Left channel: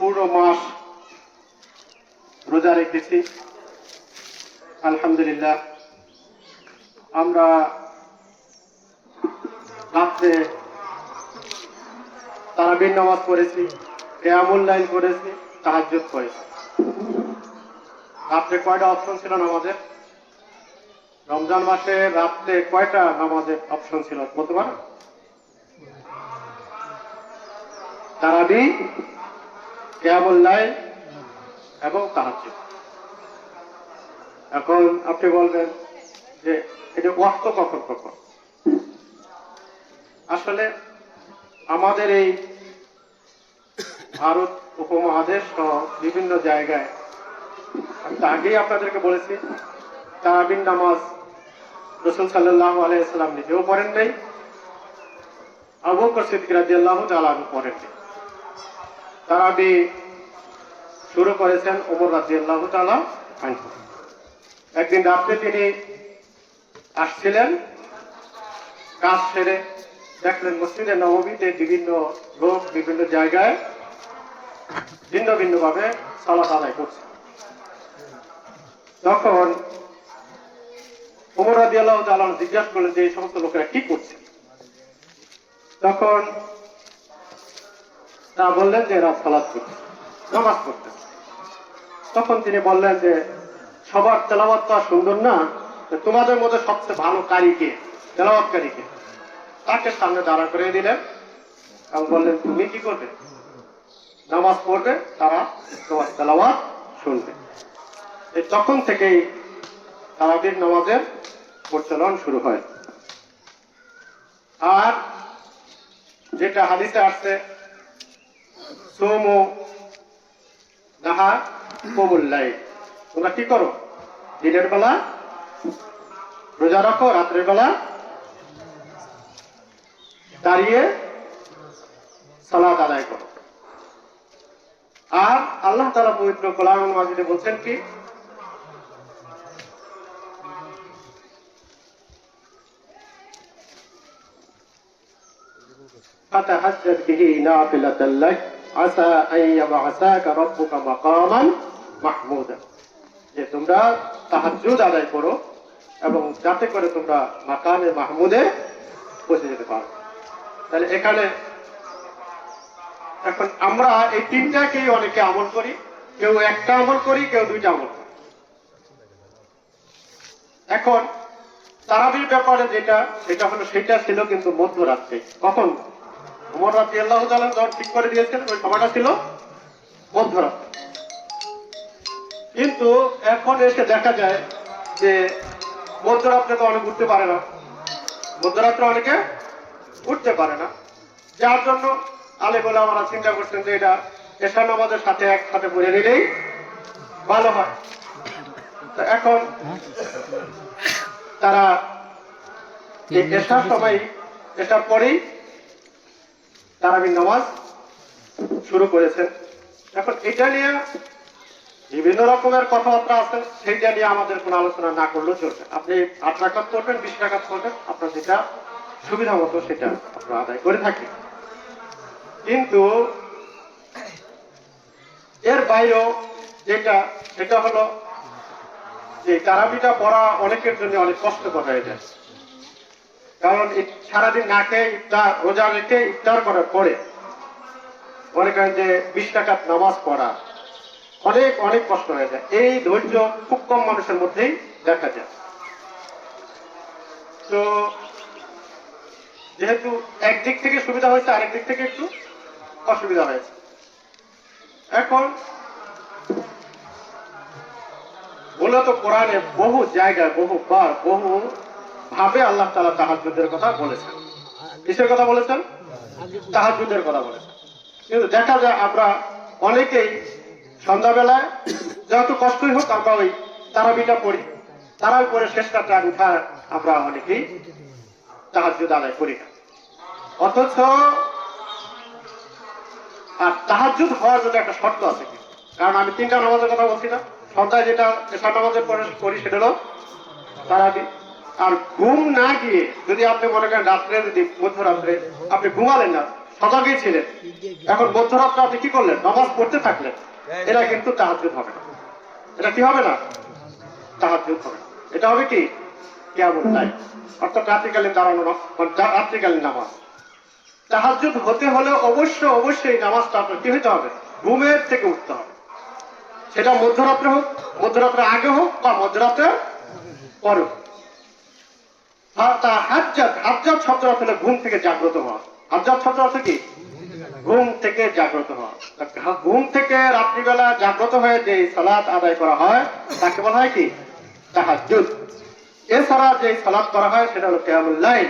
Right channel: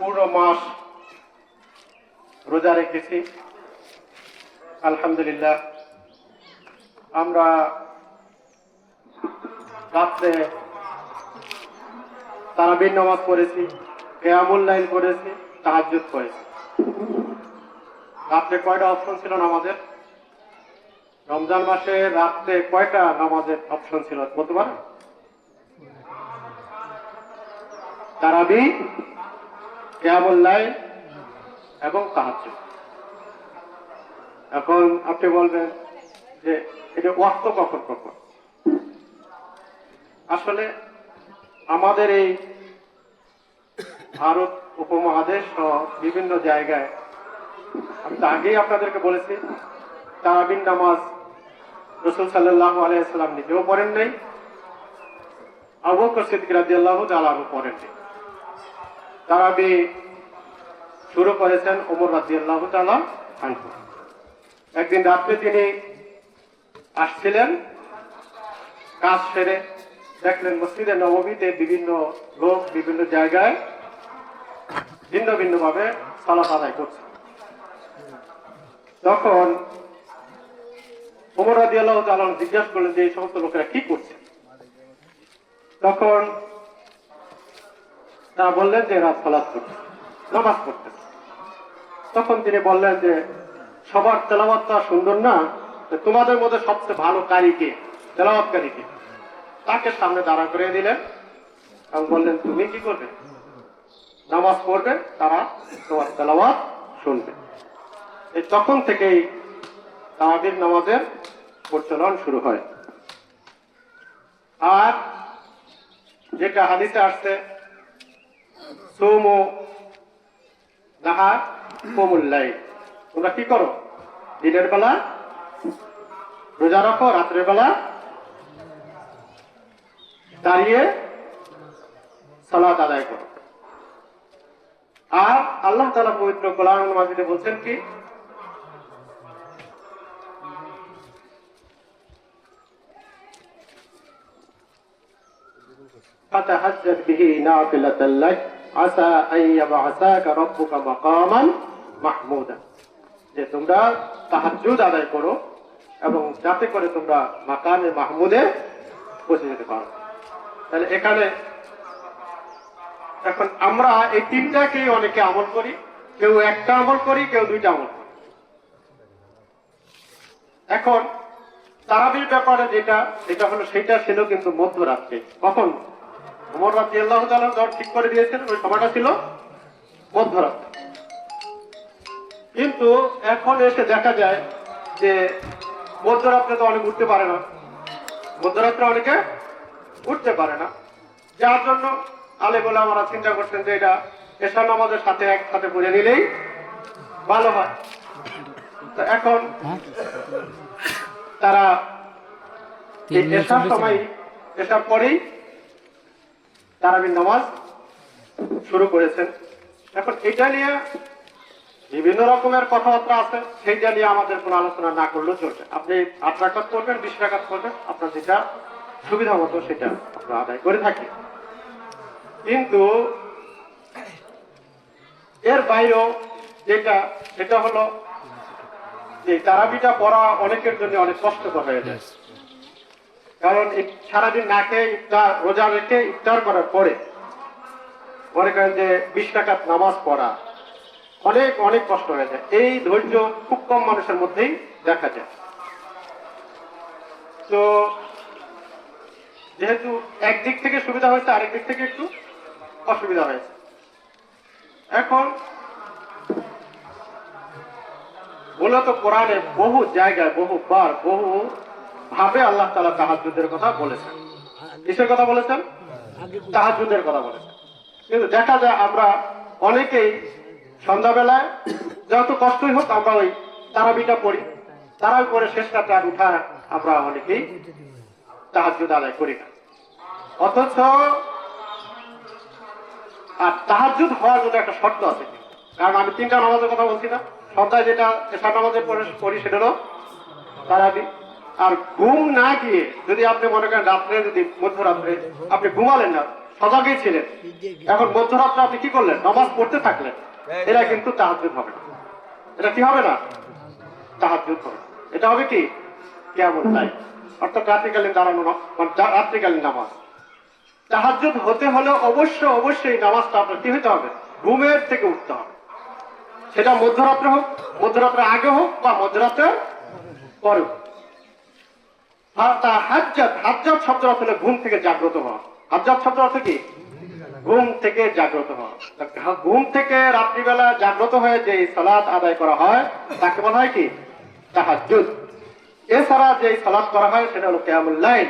পুরো মাস রোজা রেখেছি আলহামদুলিল্লাহ। আমরা রাত্রে তারাবির নামাজ পড়েছি, কিয়ামুল লাইল করেছি, তাহাজ্জুদ করেছি। রাত্রে কয়টা অপশন ছিল নামাজের? রমজান মাসে রাত্রে কয়টা নামাজের অপশন ছিল বলতে পারো? তারাবি, কিয়ামুল লাইল এবং তাহাজ্জুদ। এখন আপনি বলবেন যে এটা ওয়াক্ত কখন কখন? আসলে আমাদের এই ভারত উপমহাদেশ সহ বিভিন্ন জায়গায়, আমি তো আগেই আপনাদেরকে বলেছি, তারাবির নামাজ রাসূল সাল্লাল্লাহু আলাইহি ওয়াসাল্লাম নিজেও পড়েন নাই, আবু বকর সিদ্দিক রাদিয়াল্লাহু তাআলা আনহু পড়েন নাই। তারাবি শুরু করেছেন ওমর রাদিয়াল্লাহু তাআলা আনহু। একদিন রাত্রে তিনি আসছিলেন, কাজ সেরে দেখলেন মসজিদে নববীতে বিভিন্ন লোক বিভিন্ন জায়গায় ভিন্ন ভিন্ন ভাবে সালাত আদায় করছে। তখন ওমর রাদিয়াল্লাহু তাআলা জিজ্ঞাসা করলেন যে এই সমস্ত লোকেরা কি করছে? তখন তারা বললেন যে এরা সালাত করছে, নামাজ পড়তেছে। তখন তিনি বললেন যে সবার তেলাওয়াতটা সুন্দর না, তোমাদের মধ্যে সবচেয়ে ভালো কারি কে, তেলাওয়াতকারী কে? তাকে সামনে দাঁড়া করে দিলেন এবং বললেন তুমি কি করবে? নামাজ পড়বে, তারা তোমার তেলাওয়াত শুনবে। এই তখন থেকেই তারাবির নামাজের প্রচলন শুরু হয়। আর যেটা হাদিসে আসছে সুমু নাহার কুমুল লাইল, তোমরা কি করো? দিনের বেলা রোজা রাখো, রাত্রের বেলা দাঁড়িয়ে সালাত আদায় করো। আর আল্লাহ তাআলা পবিত্র কোরআনুল মাজিদে বলছেন কি, ফাতাহাজ্জাদ বিহি নাফিলাতাল লাক আসা আন ইয়াবআসাকা রাব্বুকা মাকামান মাহমুদা, যে তোমরা তাহাজ্জুদ আদায় করো এবং যাতে করে তোমরা মাকামে মাহমুদে পৌঁছে যেতে পারো। তাহলে এখানে এখন আমরা এই তিনটাকেই অনেকে আমল করি, কেউ একটা আমল করি, কেউ দুইটা আমল করি। এখন তারাবির ব্যাপারে যেটা, সেটা হলো সেটা ছিল কিন্তু মধ্যরাত্রে। কখন? ওমর রাদিয়াল্লাহু তাআলা যখন ঠিক করে দিয়েছেন ওই সময়টা ছিল মধ্যরাত্রে। কিন্তু এখন এসে দেখা যায় যে মধ্যরাত্রে তো অনেক উঠতে পারে না, মধ্যরাত্রে অনেকে উঠতে পারে না, যার জন্য আলেম ওলামারা চিন্তা করছেন যে এটা এশার নামাজের সাথে একসাথে পড়ে নিলেই ভালো হয়। তো এখন তারা এই এশার সময়, এশার পরেই তারাবির নামাজ শুরু করেছেন। এখন এটা নিয়ে বিভিন্ন রকমের কথাবার্তা আছে, সেইটা নিয়ে আমাদের কোনো আলোচনা না করলেও চলবে। আপনি 8 রাকাত করবেন, 20 রাকাত করবেন, আপনার যেটা সুবিধা মতো সেটা আপনারা আদায় করে থাকি। কিন্তু এর বাইরেও যেটা, সেটা হলো যে তারাবিটা পড়া অনেকের জন্য অনেক কষ্টকর হয়ে যায়। কারণ সারাদিন না খেয়ে ইফতার, রোজা রেখে ইফতার করার পরে মনে করেন যে 20 রাকাত নামাজ পড়া অনেক অনেক কষ্ট হয়ে যায়। এই ধৈর্য খুব কম মানুষের মধ্যেই দেখা যায়। তো যেহেতু একদিক থেকে সুবিধা হয়েছে, আরেক দিক থেকে একটু অসুবিধা হয়েছে। এখন মূলত কোরআনে বহু জায়গায়, বহুবার, বহু ভাবে আল্লাহ তাআলা তাহাজ্জুদের কথা বলেছেন। কিসের কথা বলেছেন? তাহাজ্জুদের কথা বলেছেন। কিন্তু দেখা যায় আমরা অনেকেই সন্ধ্যাবেলায় যত কষ্টই হোক আমরা ওই তারাবিটা পড়ি, তারাবি পরে শেষ রাতে আর উঠার আমরা অনেকেই তাহাজ্জুদ আদায় করি না। অথচ আর তাহাজ্জুদ হওয়ার জন্য একটা শর্ত আছে, কারণ আমি 3টা নামাজের কথা বলছি না। সন্ধ্যায় যেটা এশার নামাজের পরে করি সেটা হলো তারাবি। আর ঘুম না গিয়ে যদি আপনি মনে করেন রাত্রে, যদি মধ্যরাত্রে আপনি ঘুমালেন না, সজাগই ছিলেন। এখন মধ্যরাত্রে আপনি কি করলেন? নামাজ পড়তে থাকলেন। এরা কিন্তু তাহাজ্জুদ হবে না। এটা কি হবে না? তাহাজ্জুদ হবে। এটা হবে কি? কিয়ামুল লাইল, অর্থাৎ রাত্রিকালীন দাঁড়ানো, রাত্রিকালীন নামাজ। তাহাজ্জুদ হতে হলে অবশ্যই নামাজটা আপনার কি হতে হবে? ঘুমের থেকে উঠতে হবে। সেটা মধ্যরাত্রে হোক, মধ্যরাত্রে আগে হোক, বা মধ্যরাত্রে পরে হোক। হাজ্জাত শব্দ অর্থ হলো ঘুম থেকে জাগ্রত হওয়া। হাজ্জাত শব্দ অর্থ কি? ঘুম থেকে জাগ্রত হওয়া। ঘুম থেকে রাত্রিবেলা জাগ্রত হয়ে যে সালাত আদায় করা হয় তাকে বলা হয় কি? তাহাজ্জুদ। এছাড়া যে সালাত করা হয় সেটা হলো কিয়ামুল লাইল।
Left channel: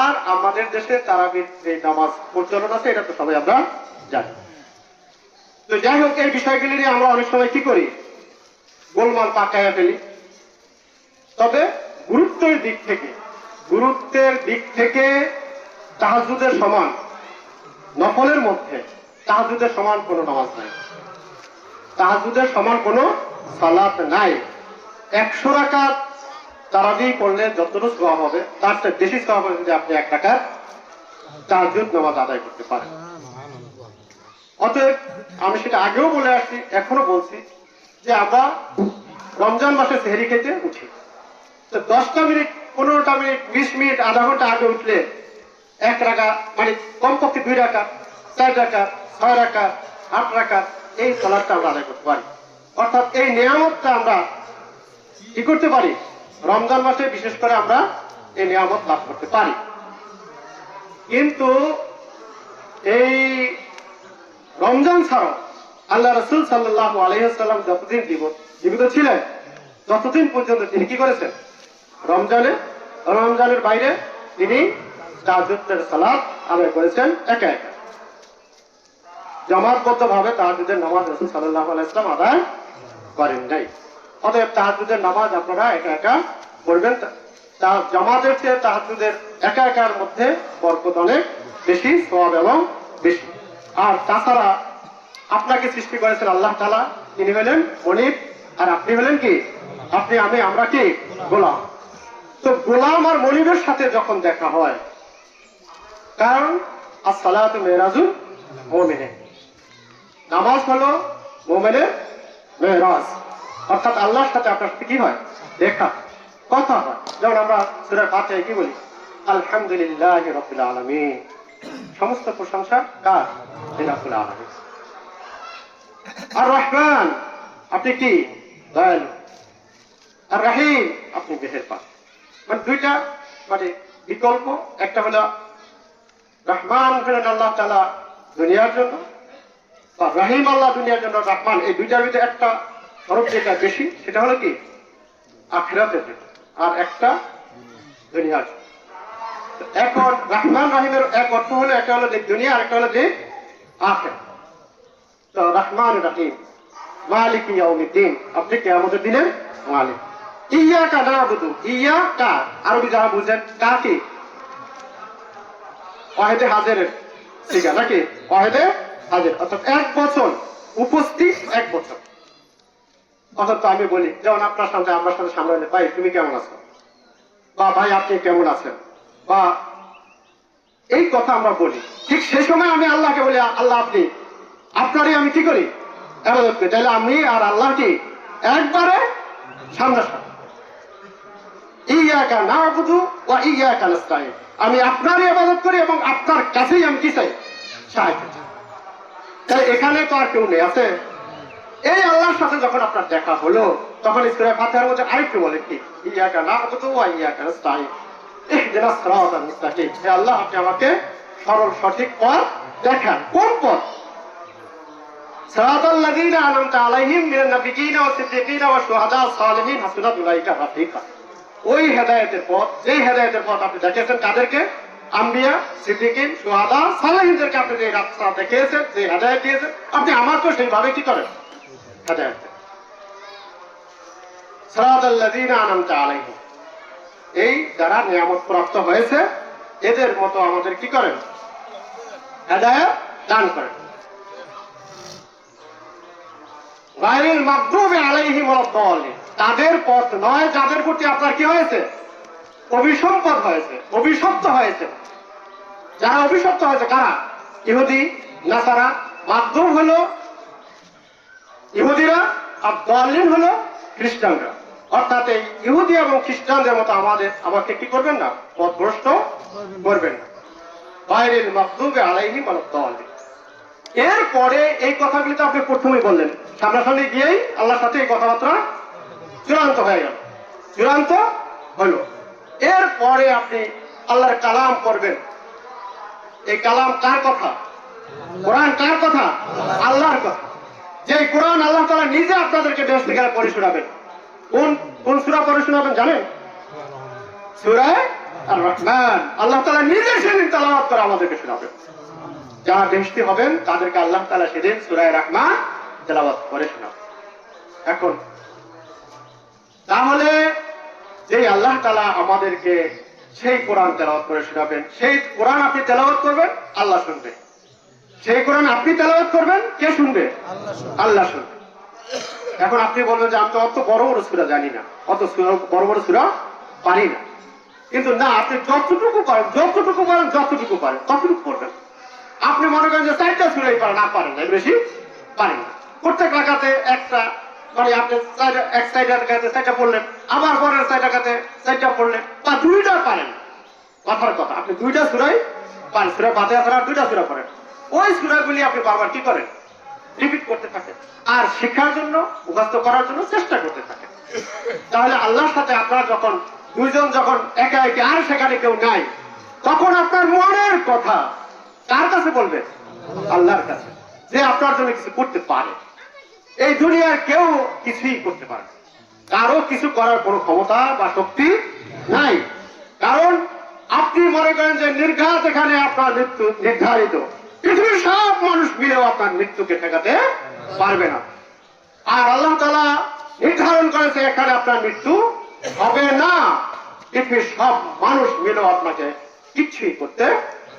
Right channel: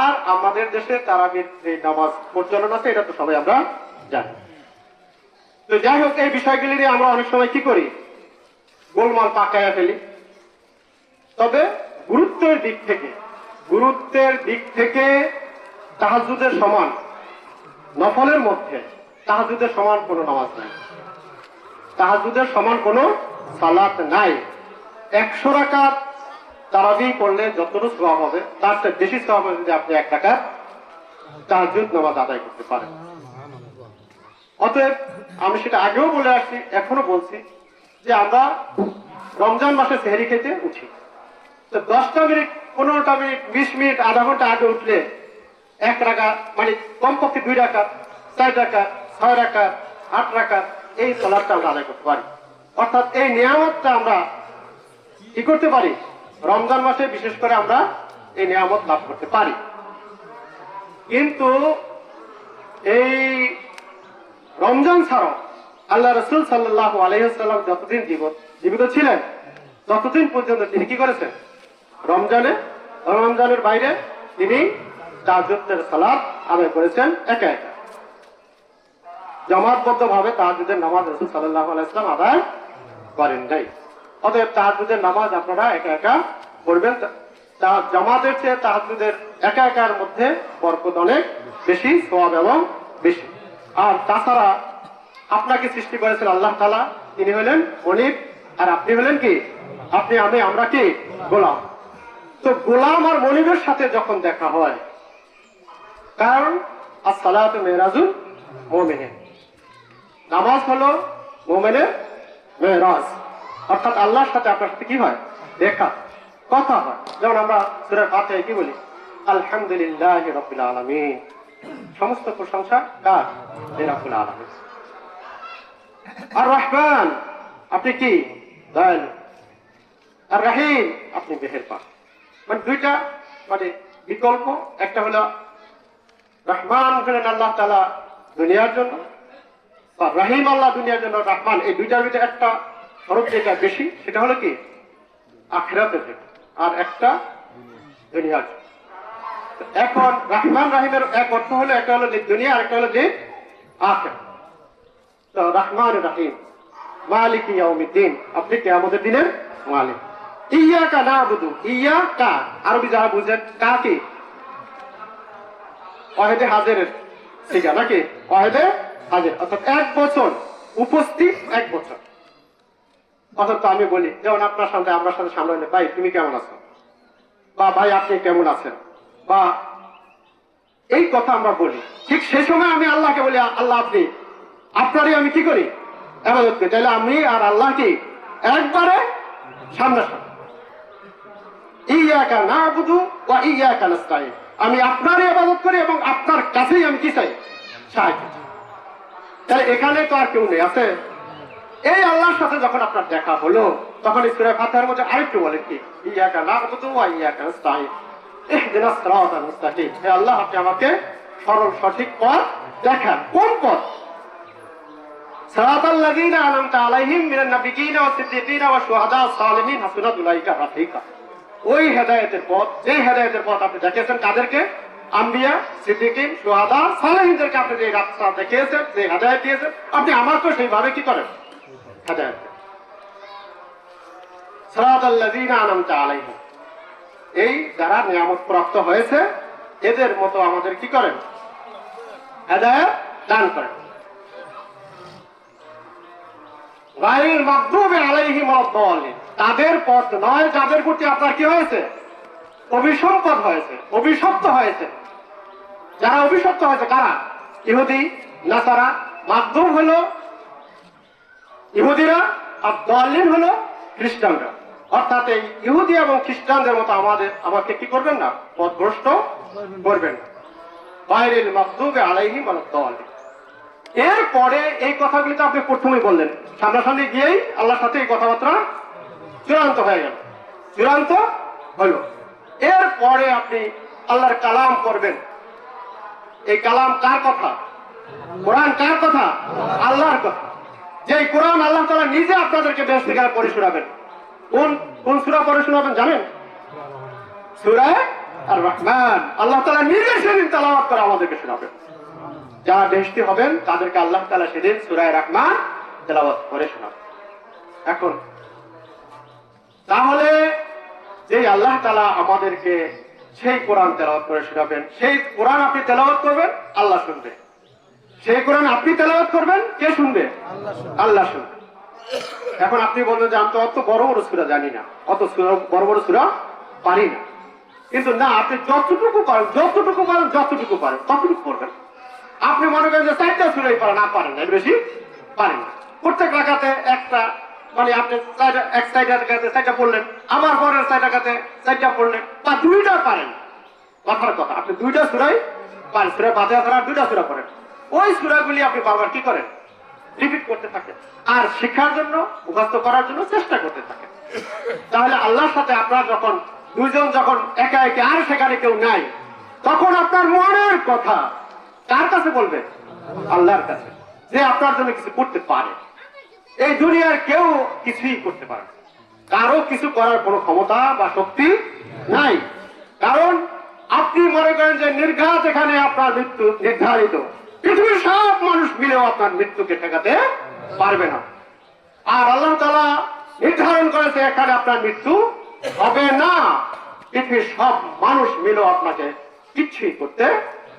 আর আমাদের দেশে তারাবির যে নামাজ প্রচলন আছে, এটা তো সবাই আমরা জানি। তো যাই হোক, এই বিষয়গুলি নিয়ে আমরা অনেক সময় কি করি? গোলমাল পাকাইয়া ফেলি। তবে গুরুত্বের দিক থেকে তাহাজ্জুদের সমান, নফলের মধ্যে তাহাজ্জুদের সমান কোনো নামাজ নাই, তাহাজ্জুদের সমান কোনো সালাত নাই। 100 রাকাত তারাবি পড়লে যতটুকু সওয়াব হবে তার চেয়ে বেশি সওয়াব হবে যদি আপনি 1 রাকাত তাহাজ্জুদ নামাজ আদায় করতে পারেন। অতএব আমি সেটা আগেও বলে আসছি, এখনো বলছি যে আমরা রমজান মাসে সেহরি খেতে উঠি, তো 10টা মিনিট, 15টা মিনিট, 20 মিনিট, আধা ঘন্টা আগে উঠলে 1 রাকাত, মানে কমপক্ষে 2 রাকাত, 4 রাকাত, 6 রাকাত, 8 রাকাত এই সালাতটা আমরা আদায় করতে পারি। অর্থাৎ এই নিয়ামতটা আমরা কি করতে পারি? রমজান মাসে বিশেষ করে আমরা এই নিয়ামত লাভ করতে পারি। কিন্তু এই রমজান ছাড়াও আল্লাহ রাসূল সাল্লাল্লাহু আলাইহি ওয়াসাল্লাম যতদিন জীবিত ছিলেন ততদিন পর্যন্ত তিনি কি করেছেন? রমজানের বাইরে তিনি তাহাজ্জুদের সালাত আদায় করেছেন একা একা। জামাতবদ্ধ ভাবে তাহাজ্জুদের নামাজ রাসূল সাল্লাল্লাহু আলাইহি ওয়াসাল্লাম আদায় করেন নাই। অতএব তাহাজ্জুদের নামাজ আপনারা একা একা পড়বেন। জামাতের চেয়ে তাহাজ্জুদের একা একার মধ্যে বরকত অনেক বেশি, সওয়াব এবং বেশি। আর তাছাড়া আপনাকে সৃষ্টি করেছেন আল্লাহ তাআলা, তিনি হলেন মনিব, আর আপনি হলেন কি? আমরা কি? গোলাম। তো গোলাম আর মনিবের সাথে যখন দেখা হয়, কারণ as-salatu mi'rajul মুমিন, নামাজ হলো মুমিনের মেরাজ। অর্থাৎ আল্লাহর সাথে আপনার সাথে কি হয়? দেখা, কথা হয়। যেমন আমরা সূরা ফাতিহায় কি বলি? আলহামদুলিল্লাহি রাব্বিল আলামিন, সমস্ত প্রশংসা কার? রাব্বিল আলামিন। আর রহমান, আপনি কি? দয়ালু। আর রহিম, আপনি মেহেরবান। মানে দুইটা মানে বিকল্প। একটা হলো রহমান হলেন আল্লাহ তাআলা দুনিয়ার জন্য, আর রহিম আল্লাহ দুনিয়ার জন্য। রহমান, এই দুইটার ভিতরে একটা শরত যেটা বেশি, সেটা হলো কি? আখিরাতের জন্য, আর একটা দুনিয়ার জন্য। এখন রহমান রহিমের এক অর্থ হলো, একটা হলো যে দুনিয়া, আর একটা হলো যে আখিরাত। তো রহমান রহিম, মালিক ইয়াউমিদ্দিন, আপনি কিয়ামতের দিনের মালিক। ইয়াকা না'বুদু, ইয়াকা আরবি যারা বুঝেন, কা কি? ওয়াহিদে হাজিরের সিগা নাকি? ওয়াহিদে হাজির, অর্থাৎ 1 বছর উপস্থিত, 1 বছর। অর্থাৎ আমি বলি, যেমন আপনার সামনে, আমার সামনে সামনে, ভাই তুমি কেমন আছো, বা ভাই আপনি কেমন আছেন, বা এই কথা আমরা বলি। ঠিক সেই সময় আমি আল্লাহকে বলি, আল্লাহ আপনি, আপনারই আমি কি করি? ইবাদত করি। তাহলে আমি আর আল্লাহ কি একবারে সামনাসামনি। ইয়াকা না'বুদু ওয়া ইয়াকা নাস্তাঈন, আমি আপনারই ইবাদত করি এবং আপনার কাছেই আমি কি চাই? সাহায্য চাই। তাই এখানে তো আর কেউ নেই, আছে? এই আল্লাহর সাথে যখন আপনার দেখা হলো, তখন সূরা ফাতিহার মধ্যে আরেকটু বলে কি? ইয়াকা না'বুদু ওয়া ইয়াকা নাস্তাঈন, ইহদিনাস সিরাতাল মুস্তাকিম। হে আল্লাহ, আপনি আমাকে সরল সঠিক পথ দেখান। কোন পথ? সিরাতাল লাযীনা আন'আমতা আলাইহিম মিনান নাবিয়্যিনা ওয়াস সিদ্দীকিনা ওয়াশ শুহাদা ওয়াস সালিহিন হাসুনা উলাইকা রাফীকা। ওই হেদায়েতের পথ, যেই হেদায়েতের পথ আপনি দেখিয়েছেন কাদেরকে? আম্বিয়া, সিদ্দীকিন, শুহাদা, সালেহিনদেরকে আপনি যে রাস্তা দেখিয়েছেন, যে হেদায়েত দিয়েছেন, আপনি আমাকে সেইভাবে কি করেন? হেদায়েত। সিরাতাল লাযীনা আন'আমতা আলাইহিম, এই যারা নিয়ামত প্রাপ্ত হয়েছে এদের মতো আমাদের কি করেন? হেদায়েত দান করেন। গায়রিল মাগদুবি আলাইহিম ওয়াদ-দাল্লিন, তাদের পথ নয় যাদের প্রতি আপনার কি হয়েছে? অভিসম্পদ হয়েছে, অভিশপ্ত হয়েছে। যারা অভিশপ্ত হয়েছে কারা? ইহুদি নাসারা, মাধ্যম হলো ইহুদিরা, আর দলিল হলো খ্রিস্টানরা। অর্থাৎ এই ইহুদি এবং খ্রিস্টানদের মতো আমাকে কি করবেন না, পথভ্রষ্ট করবেন না। গায়রিল মাগদুবি আলাইহিম ওয়ালাদ-দাল্লিন। এরপরে এই কথাগুলি তো আপনি প্রথমেই বললেন, সামনাসামনি গিয়েই আল্লাহর সাথে এই কথাবার্তা চূড়ান্ত হয়ে গেল, চূড়ান্ত হলো। এরপরে আপনি আল্লাহর কালাম করবেন। এই কালাম কার কথা? কোরআন কার কথা? আল্লাহর কথা। যে কোরআন আল্লাহ তাআলা নিজে আপনাদেরকে বেহেশত থেকে পড়ে শোনাবেন। কোন সূরা পড়ে শোনাবেন জানেন? সূরা আর-রহমান। আল্লাহ তাআলা নিজে সেদিন তেলাওয়াত করে আমাদেরকে শোনাবেন। যারা বেহেশতি হবেন তাদেরকে আল্লাহ তাআলা সেদিন সূরা আর-রহমান তেলাওয়াত করে শোনাবেন। এখন তাহলে যে আল্লাহ তাআলা আমাদেরকে সেই কোরআন তেলাওয়াত করে শোনাবেন, সেই কোরআন আপনি তেলাওয়াত করবেন, আল্লাহ শুনবে। সেই কোরআন আপনি তেলাওয়াত করবেন, কে শুনবে? আল্লাহ শুনবে। এখন আপনি বলবেন যে আমি তো অত বড় বড় সূরা জানি না, অত বড় বড় সূরা পারি না। কিন্তু না, আপনি যতটুকু পারেন ততটুকু করবেন। আপনি মনে করেন যে 4টা সূরাই পারেন, না পারেন না, বেশি পারেন না। প্রত্যেক রাকাতে একটা, মানে আপনি এক সাইডের কাছে 4টা পড়লেন, আবার পরের সাইডের কাছে 4টা পড়লেন, তা 2টা পারেন। কথার কথা, আপনি 2টা সূরাই পারেন। সূরা ফাতিহা ছাড়া 2টা সূরা পড়েন। ওই সূরাগুলি আপনি বারবার কি করেন? রিপিট করতে থাকেন, আর শেখার জন্য, মুখস্থ করার জন্য চেষ্টা করতে থাকেন। তাহলে আল্লাহর সাথে আপনার যখন দুইজন যখন একা একা, আর সেখানে কেউ নাই, তখন আপনার মনের কথা কার কাছে বলবেন? আল্লাহর কাছে, যে আপনার জন্য কিছু করতে পারে। এই দুনিয়ার কেউ কিছুই করতে পারে, কারো কিছু করার কোনো ক্ষমতা বা শক্তি নাই। কারণ আপনি মনে করেন যে নির্ঘাত এখানে আপনার মৃত্যু নির্ধারিত, পৃথিবীর সব মানুষ মিলেও আপনার মৃত্যুকে ঠেকাতে পারবে না। আর আল্লাহ তাআলা নির্ধারণ করেছে এখানে আপনার মৃত্যু হবে না, পৃথিবীর সব মানুষ মিলেও আপনাকে কিছুই করতে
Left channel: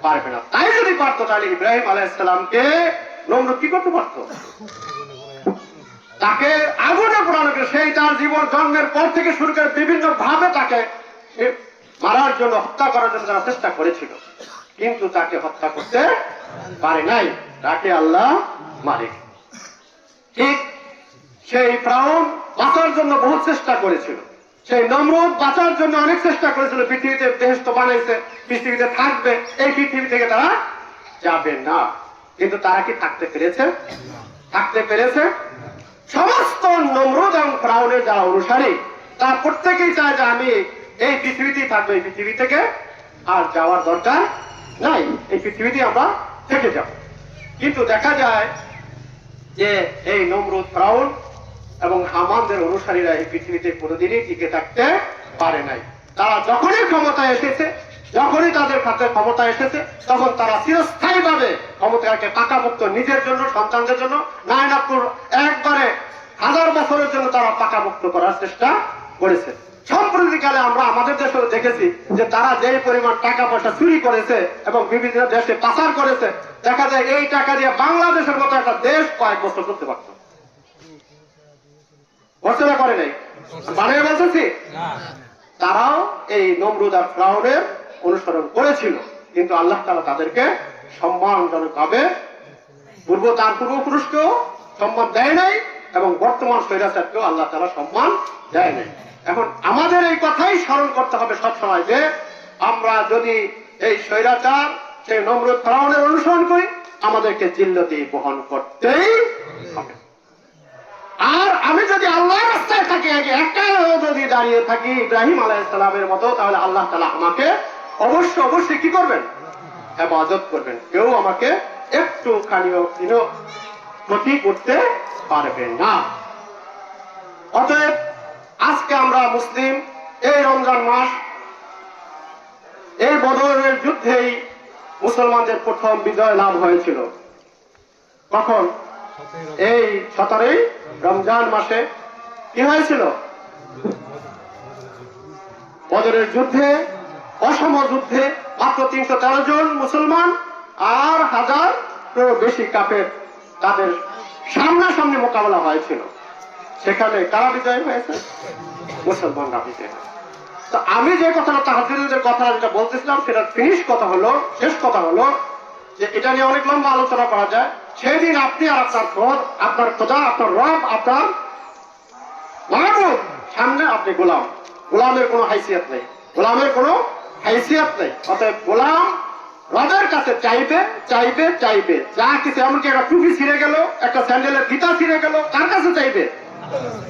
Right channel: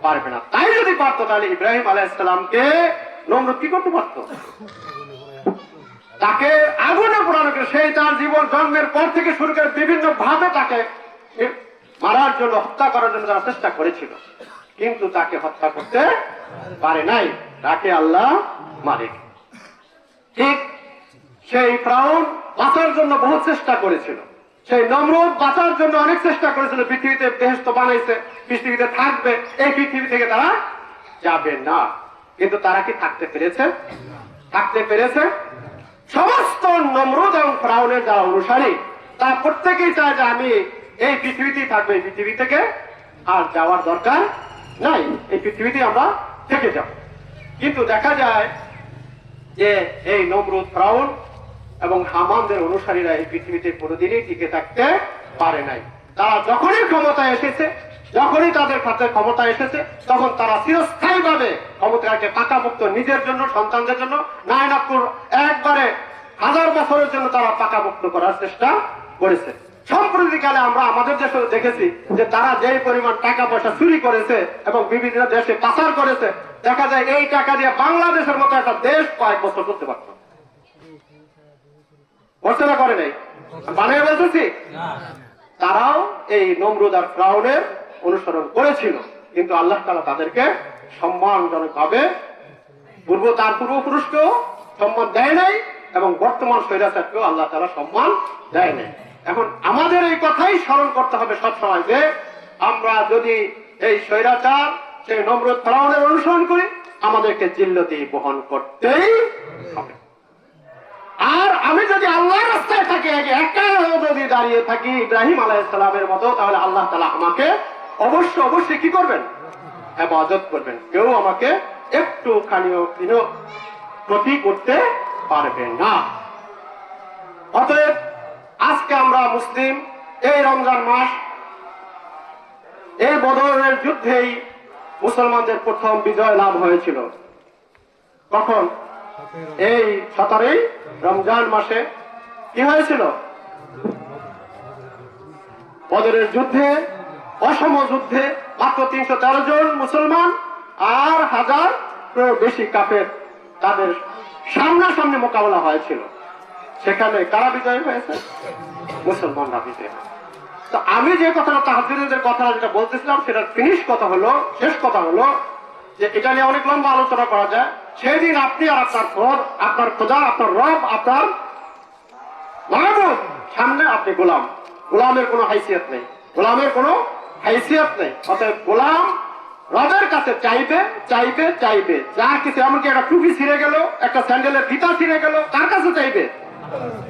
পারবে না। তাই যদি পারতো, তাহলে ইব্রাহিম আলাইহিস সালামকে নমরুদ কি করতে পারতো? তাকে আগুনে পোড়ানো, সেই তার জীবন জন্মের পর থেকে শুরু করে বিভিন্ন ভাবে তাকে মারার জন্য, হত্যা করার জন্য তারা চেষ্টা করেছিল, কিন্তু তাকে হত্যা করতে পারে নাই, তাকে আল্লাহ মালিক। ঠিক সেই ফিরআউন বাঁচার জন্য বহু চেষ্টা করেছিল, সেই নমরুদ বাঁচার জন্য অনেক চেষ্টা করেছিল। পৃথিবীতে বেহেশত বানাইছে, পৃথিবীতে থাকবে, এই পৃথিবী থেকে তারা যাবে না, কিন্তু তারা কি থাকতে পেরেছে? থাকতে পেরেছে? সমস্ত নমরুদ এবং ফিরআউনের যারা অনুসারী, তারা প্রত্যেকেই চায় যে আমি এই পৃথিবীতেই থাকবো, এই পৃথিবী থেকে আর যাওয়ার দরকার নাই, এই পৃথিবীতে আমরা থেকে যাব। কিন্তু দেখা যায় যে এই নমরুদ, ফিরআউন এবং হামানদের অনুসারীরা এই পৃথিবীতে কোনোদিনই টিকে থাকতে পারে নাই। তারা যখনই ক্ষমতায় এসেছে, যখনই তাদের কাছে ক্ষমতা এসেছে, তখন তারা চিরস্থায়ী ভাবে ক্ষমতাকে পাকাপোক্ত নিজের জন্য, সন্তানদের জন্য, নায়নাপুর একবারে 1000 বছরের জন্য তারা পাকাপোক্ত করার চেষ্টা করেছে। সম্প্রতিকালে আমরা আমাদের দেশে দেখেছি যে তারা যেই পরিমাণ টাকা পয়সা চুরি করেছে এবং বিভিন্ন দেশে পাচার করেছে, দেখা যায় এই টাকা দিয়ে বাংলাদেশের মতো একটা দেশ কয়েক বছর করতে পারত। ঘোষণা করে নাই, বানিয়ে বলতেছি। তারাও এই নমরুদ আর ফিরআউনের অনুসরণ করেছিল, কিন্তু আল্লাহ তাআলা তাদেরকে সম্মানজনক ভাবে তার পূর্বপুরুষকেও সম্মান দেয় নাই, এবং বর্তমান স্বৈরাচারকেও আল্লাহ তাআলা সম্মান দেয় নাই। এখন আমাদের এই কথাই স্মরণ করতে হবে সবসময় যে আমরা যদি এই স্বৈরাচার, সেই নমরুদ ফিরআউনের অনুসরণ করি, আমাদেরকে জিল্লতি বহন করতেই হবে। আর আমি যদি আল্লাহর রাস্তায় থাকি, একা যদি দাঁড়িয়ে থাকি ইব্রাহিম আলাইহিস সালামের মতো, তাহলে আল্লাহ তাআলা আমাকে অবশ্যই কি করবেন? ইবাদত করবেন। কেউ আমাকে একটুখানিও ক্ষতি করতে পারবেন না। অতএব আজকে আমরা মুসলিম, এই রমজান মাস, এই বদরের যুদ্ধেই মুসলমানদের প্রথম বিজয় লাভ হয়েছিল। কখন? এই 17ই রমজান মাসে কি হয়েছিল? বদরের যুদ্ধে, অসম যুদ্ধে মাত্র 313 জন মুসলমান আর 1000 বেশি কাফের, তাদের সামনাসামনি মোকাবেলা হয়েছিল। সেখানে কারা বিজয় হয়েছে? মুসলমানরা বিজয় হয়েছে। তো আমি যে কথাটা, তাহাজ্জুদের যে কথা যেটা বলতেছিলাম, সেটা ফিনিশ কথা হলো, শেষ কথা হলো যে এটা নিয়ে অনেক লম্বা আলোচনা করা যায়। সেই দিন আপনি আর আপনার ঘর, আপনার খোদা, আপনার রব, আপনার মাহবুব সামনে আপনি গোলাম। গোলামের কোনো হাইসিয়ত নেই, গোলামের কোনো হাইসিয়ত নেই। অতএব গোলাম রবের কাছে চাইবে চাইবে চাইবে, যা কিছু, এমনকি একটা টুপি ছিঁড়ে গেল, একটা স্যান্ডেলের ফিতা ছিঁড়ে গেল, কার কাছে চাইবে?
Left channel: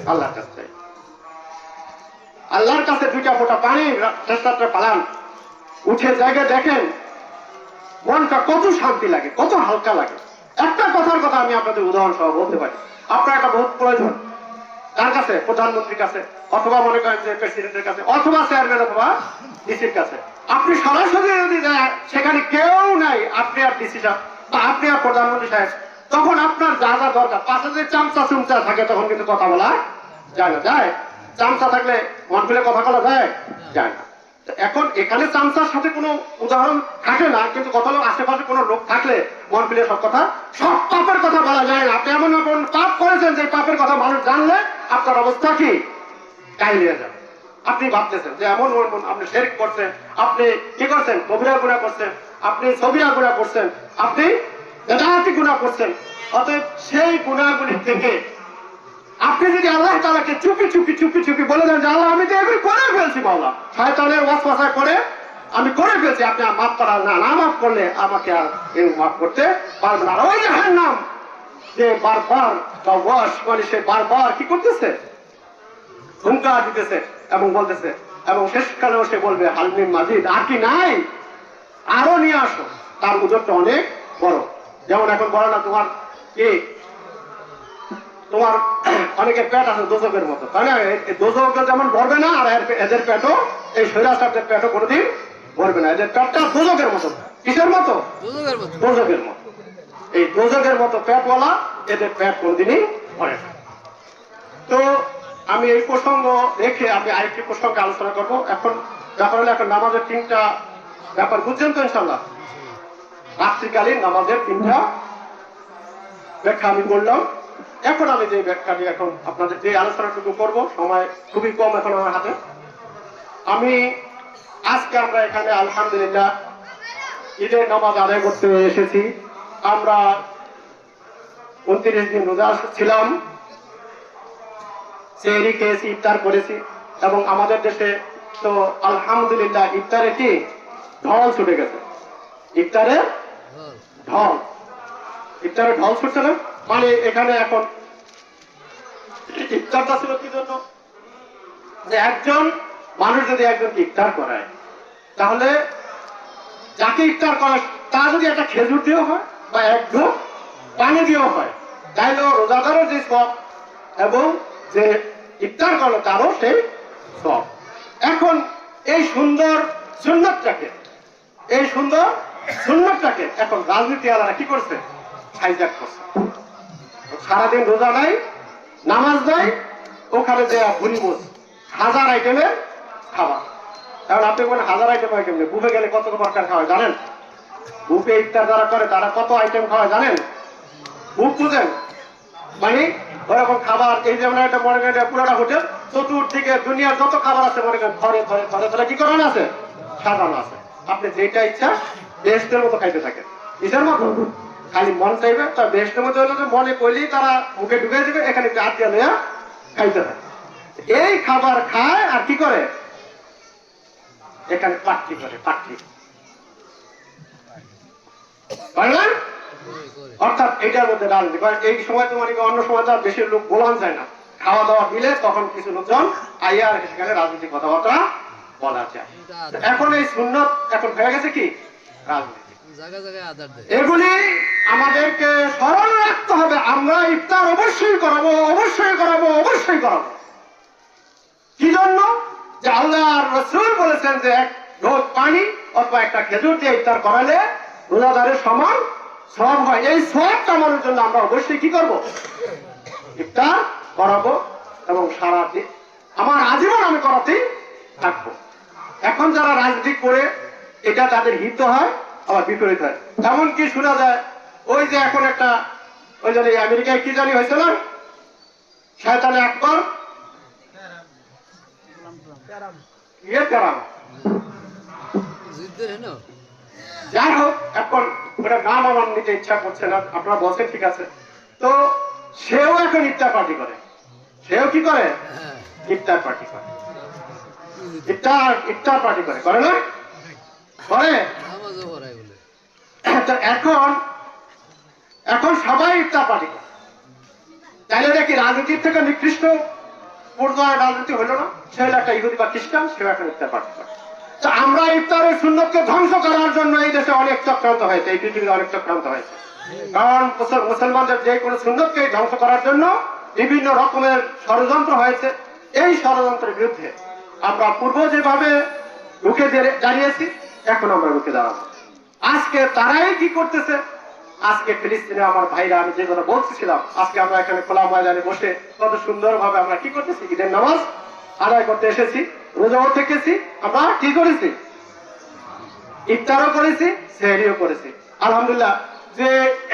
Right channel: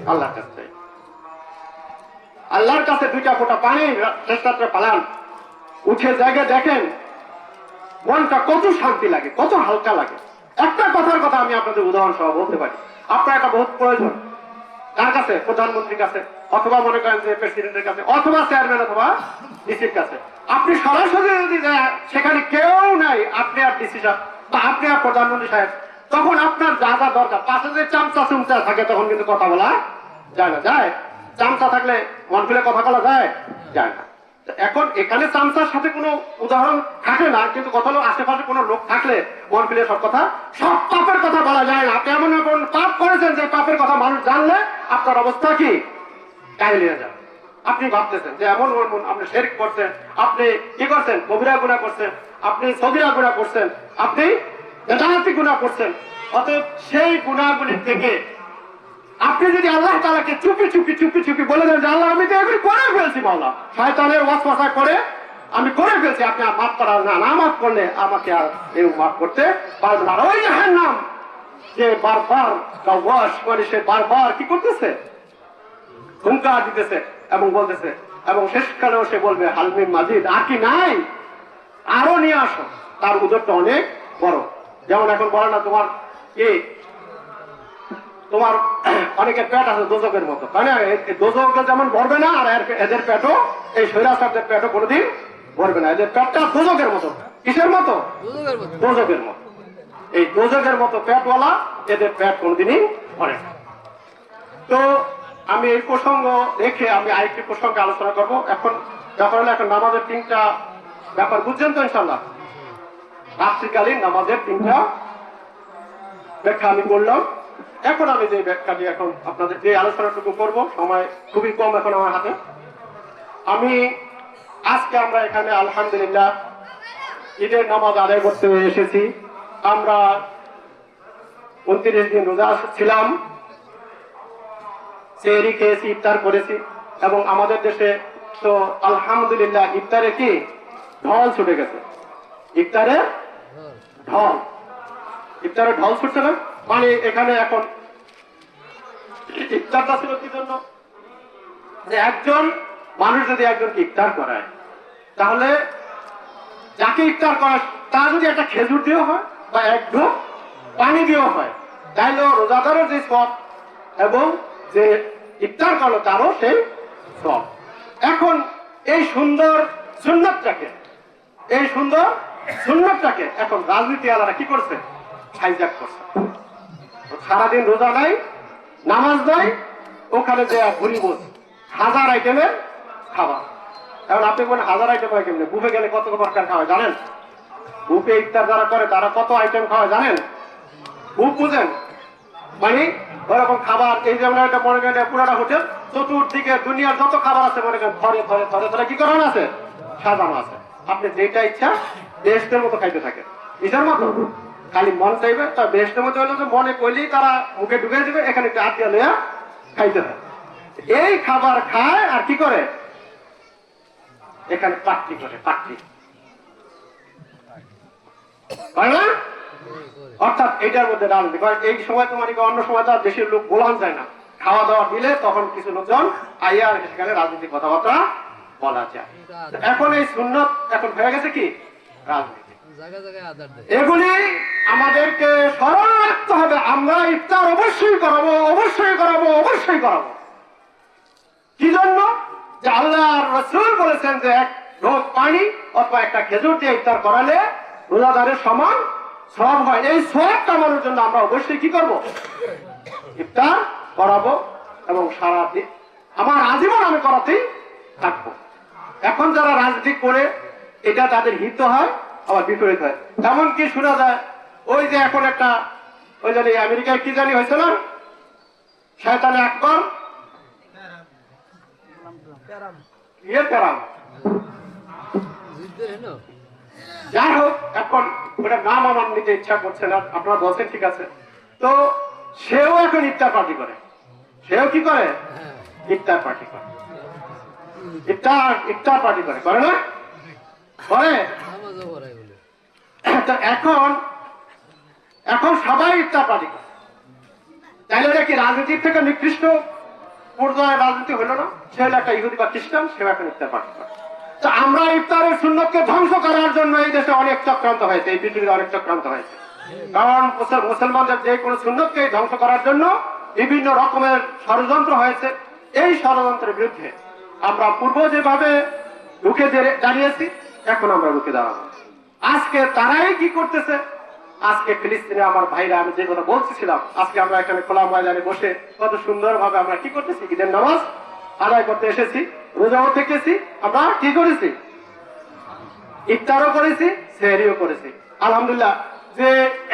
আল্লাহর কাছে চাইবে। আল্লাহর কাছে দুইটা ফোঁটা পানি চেষ্টাতে পালান, উঠে জায়গায় দেখেন মনটা কত শান্তি লাগে, কত হালকা লাগে। একটা কথার কথা আমি আপনাদের উদাহরণ সহ বলতে পারি। আপনার একটা বহুত প্রয়োজন, কার কাছে? প্রধানমন্ত্রীর কাছে, অথবা মনে করেন যে প্রেসিডেন্টের কাছে, অথবা চেয়ারম্যান, অথবা ডিসির কাছে। আপনি সরাসরি যদি সেখানে কেউ নাই, আপনি আর ডিসি সাহেব বা আপনি আর প্রধানমন্ত্রী সাহেব, তখন আপনার যা যা দরকার, পাশে যে চামচা চুমচা থাকে তখন কিন্তু কথা বলা যায় না। যায়? চামচা থাকলে মন খুলে কথা বলা যায়? যায় না। এখন এখানে চামচার সাথে কোনো উদাহরণ থাকে না, কিন্তু কথা হলো আশেপাশে কোনো লোক থাকলে মন খুলে সব কথা, সব পাপের কথা বলা যায় না। আপনি এমন এমন পাপ করেছেন যে পাপের কথা মানুষ জানলে আপনার অবস্থা কি? কাহিলিয়ে যাবে। আপনি ভাবতেছেন যে এমন আপনি শিরক করছেন, আপনি কি করছেন? কবিরা গুনাহ করছেন, আপনি সগীরা গুনাহ করছেন, আপনি বেদাতি গুনাহ করছেন। অতএব সেই গুনাহগুলি থেকে আপনি যদি আল্লাহ তাআলাকে চুপি চুপি চুপি চুপি বলে দেন যে আল্লাহ আমি তো এগুলি করে ফেলছি, মাওলা শয়তানের ওয়াসওয়াসা করে আমি করে ফেলছি, আপনি আর মাফ করার না, না মাফ করলে আমাকে আর এই মাফ করতে পারবেন না। ওই যে হ্যাঁ নাম যে বারবার ওয়াস মানে সে বারবার কি করতেছে? হুঙ্কার দিতেছে এবং বলতেছে, এবং শেষকালেও সে বলবে হালমিন মাজিদ, আর কি নাই? আরো নিয়ে আসো। তার উদরটা অনেক বড়। যেমন এখন বলে না তোমার কি, তোমার অনেকের পেট আছে দোজকের মতো, তাই না? দোজক যেমন ভরবে না, আর এদের পেটও, এই শৈলাচারদের পেটও কোনোদিন ভরবে না। এদের পেটটা দোজকের মতো। কিসের মতো? দোজকের মতো। এই দোজকের মতো পেটওয়ালা এদের পেট কোনোদিনই ভরে না। তো আমি এই প্রসঙ্গ রেখে আমি আরেকটি প্রসঙ্গে আলোচনা করব। এখন ব্যাপার হলো, এখন নামাজের 3টা ব্যাপার বুঝছেন তো ইনশাল্লাহ? রাত্রিকালীন নামাজের 3টা ব্যাখ্যা আমি করলাম। এখন আমি যে ব্যাখ্যাটি, এখন আপনাদের যে আলোচনাটুকু করব, সময় খুবই কম এখন আমার হাতে। আমি আজকে আমরা এখানে আলহামদুলিল্লাহ ঈদের নামাজ আদায় করতে এসেছি। আমরা 29 দিন রোজা ছিলাম, সেহরি খেয়েছি, ইফতার করেছি, এবং আমাদের দেশে তো আলহামদুলিল্লাহ ইফতারে কি ঢল ছুটে গেছে। ইফতারে ঢল, ইফতারে ঢল ছুটছে না মানে এখানে এখন ইফতারটা ছিল কি জন্য? যে একজন মানুষ যদি একজনকে ইফতার করায়, তাহলে যাকে ইফতার করায় তার যদি একটা খেজুর দেওয়া হয় বা এক ঢোক পানি দেওয়া হয়, তাহলে রোজাদারও যে সব এবং যে ইফতার করলো তারও সেই সব। এখন এই সুন্দর সুন্নতটাকে, এই সুন্দর সুন্নতটাকে এখন রাজনীতি আলাদা কি করছে? হাইজ্যাক করছে। সারাদিন রোজা নাই, নামাজ নাই, ওখানে যে ঘুরি বস 1000 আইটেমের খাবার। কারণ আপনি কোন 1000 আইটেম আইটেম নেই, বুফে গেলে কত প্রকার খাওয়া জানেন? বুফে ইফতার যারা করে তারা কত আইটেম খাওয়া জানেন? বুফ বুঝেন মানে ওরকম খাবার। এই যেমন একটা মনে করেন পুরাটা হোটেল, চতুর্দিকে দুনিয়ার যত খাবার আছে মনে করেন ঘরে ঘরে ঘরে ঘরে কি করানো আছে? সাজানো আছে। আপনি যেটা ইচ্ছা বেহেশতের মতো খাইতে থাকে, নিজের মতো খালি মন চাইবে। তার বেহেশতের মতো হলো যে মনে করলেই তারা মুখে ঢুকে দিবে, এখানে হাত দিয়ে লইয়া খাইতে হয়। এই খাবার খায় আর কি করে? এখানে কাটতি করে, কাটতি। অর্থাৎ এটার মধ্যে রাজনীতি। এই সময় তো মানে অন্য সময় তো আর দেশের লোক বলান যায় না, খাওয়া দাওয়া দিলে তখন কিছু লোকজন আইয়া সেখানে রাজনীতি কথাবার্তা বলা যায়। এখন এই সুন্নত এখন হয়ে গেছে কি রাজনীতি। এগুলি আমাদেরকে স্মরণ রাখতে হবে। আমরা ইফতার অবশ্যই করাবো, অবশ্যই করাবো, অবশ্যই করাবো। কি জন্য? যে আল্লাহ রাসূল বলেছেন যে এক ঢোক পানি অথবা একটা খেজুর দিয়ে ইফতার করালে রোজাদারের সমান সওয়াব হয়। এই সওয়াব কামানোর জন্য আমরা অবশ্যই কি করব? ইফতার করাবো এবং সারা দিন আমার আজীবন আমি করাতেই থাকবো। এখন যারা রাজনীতি করে এটা তাদের হিত হয়, আবার বিপরীত হয়। তেমন কি শোনা যায়, ওই যে এখন একটা ওই জানি আমেরিকায় কি জানি হয়েছিল, শয়তানে আকবর যাই হোক, এখন ওটা নাম আমার নিতে ইচ্ছা করছে না, আপনারা বলছেন ঠিক আছে। তো সেও এখন ইফতার পার্টি করে, সেও কি করে, ইফতার পার্টি করে, ইফতার পার্টি করে, করে না, করে। তো এখন এখন সবাই ইফতার পার্টি করে, তাহলে এটা কি রাজনীতির থেকে নিকৃষ্ট পর্যায়ে রাজনীতি হলো না? সে হলো একটা ইহুদি বা খ্রিস্টান, সেও এখন ইফতার পার্টি করে। তো আমরা ইফতারের সুন্নতকে ধ্বংস করার জন্য এই দেশে অনেক চক্রান্ত হয়েছে, এই পৃথিবীতে অনেক চক্রান্ত হয়েছে। কারণ মুসলমানদের যে কোনো সুন্নতকে ধ্বংস করার জন্য বিভিন্ন রকমের ষড়যন্ত্র হয়েছে। এই ষড়যন্ত্রের বিরুদ্ধে আমরা পূর্ব যেভাবে রুখে দাঁড়িয়েছি, এখন আমরা রুখে দাঁড়াবো। আজকে তারাই কি করতেছে, আজকে ফিলিস্তিনে আমার ভাইরা, আমি যে কথা বলতেছিলাম, আজকে আমরা এখানে খোলা ময়দানে বসে কত সুন্দর ভাবে আমরা কি করতেছি, ঈদের নামাজ আদায় করতে এসেছি, রোজাও থেকেছি, আমরা কি করেছি, ইফতারও করেছি, সেহরিও করেছি। আলহামদুলিল্লাহ, যে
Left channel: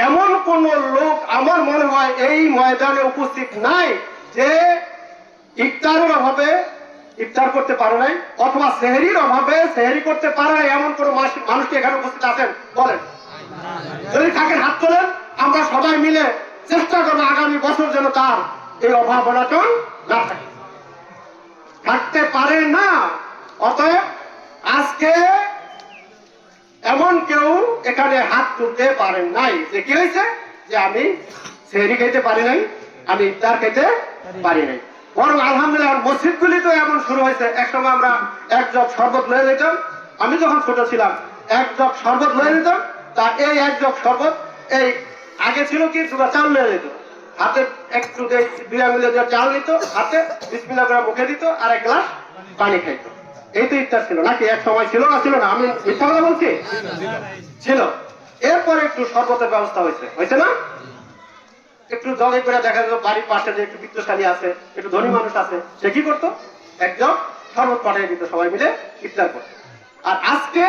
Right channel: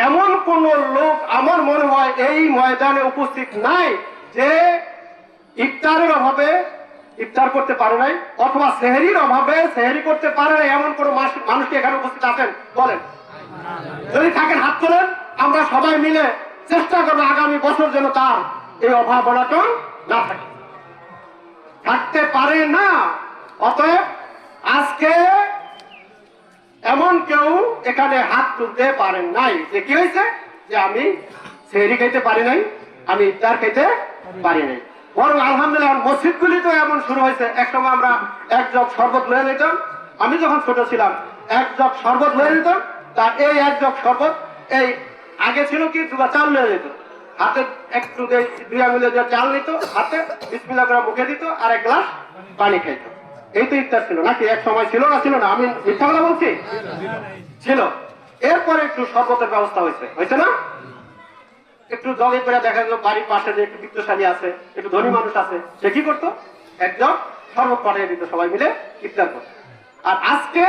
এমন কোন লোক আমার মনে হয় এই ময়দানে উপস্থিত নাই যে ইফতারের অভাবে ইফতার করতে পারে নাই, অথবা সেহরির অভাবে সেহরি করতে পারে নাই, এমন কোন মানুষ কি এখানে উপস্থিত আছেন? বলেন, যদি থাকেন হাত তোলেন। আমরা সবাই মিলে চেষ্টা করবো আগামী বছর যেন তার এই অভাব অনটন না থাকে, থাকতে পারে না। অতএব আজকে এমন কেউ এখানে হাত তুলতে পারেন নাই যে কি হয়েছে, যে আমি সেহরি খাইতে পারি নাই, আমি ইফতার খাইতে পারি নাই। বরং আলহামদুলিল্লাহ মসজিদগুলি তো এমন শুরু হয়েছে। একসময় আমরা এক জগ শরবত লয়ে যেতাম, আমি যখন ছোট ছিলাম এক জগ শরবত লয়ে যেতাম। তা এই এক জগ শরবত, এই আগে ছিল কি দুটা চাল লয়ে যেত, হাতে একটু দুই আঙুলে চাল নিত, হাতে বিসমিল্লাহ করে মুখে দিত, আর এক গ্লাস পানি খাইতো। এই তো ইফতার ছিল নাকি? এক সময় ছিল না, ছিল না? আমি মিথ্যা কথা বলছি? ছিল। এরপরে একটু শরবতের ব্যবস্থা হয়েছে, হয়েছে না? একটু জগে করে দেখা যেত বাড়ির পাশে যে একটু বিত্তশালী আছে, একটু ধনী মানুষ আছে, সে কি করতো, একজন শরবত পাঠিয়ে দিত, সবাই মিলে ইফতার করতো। আর আজকে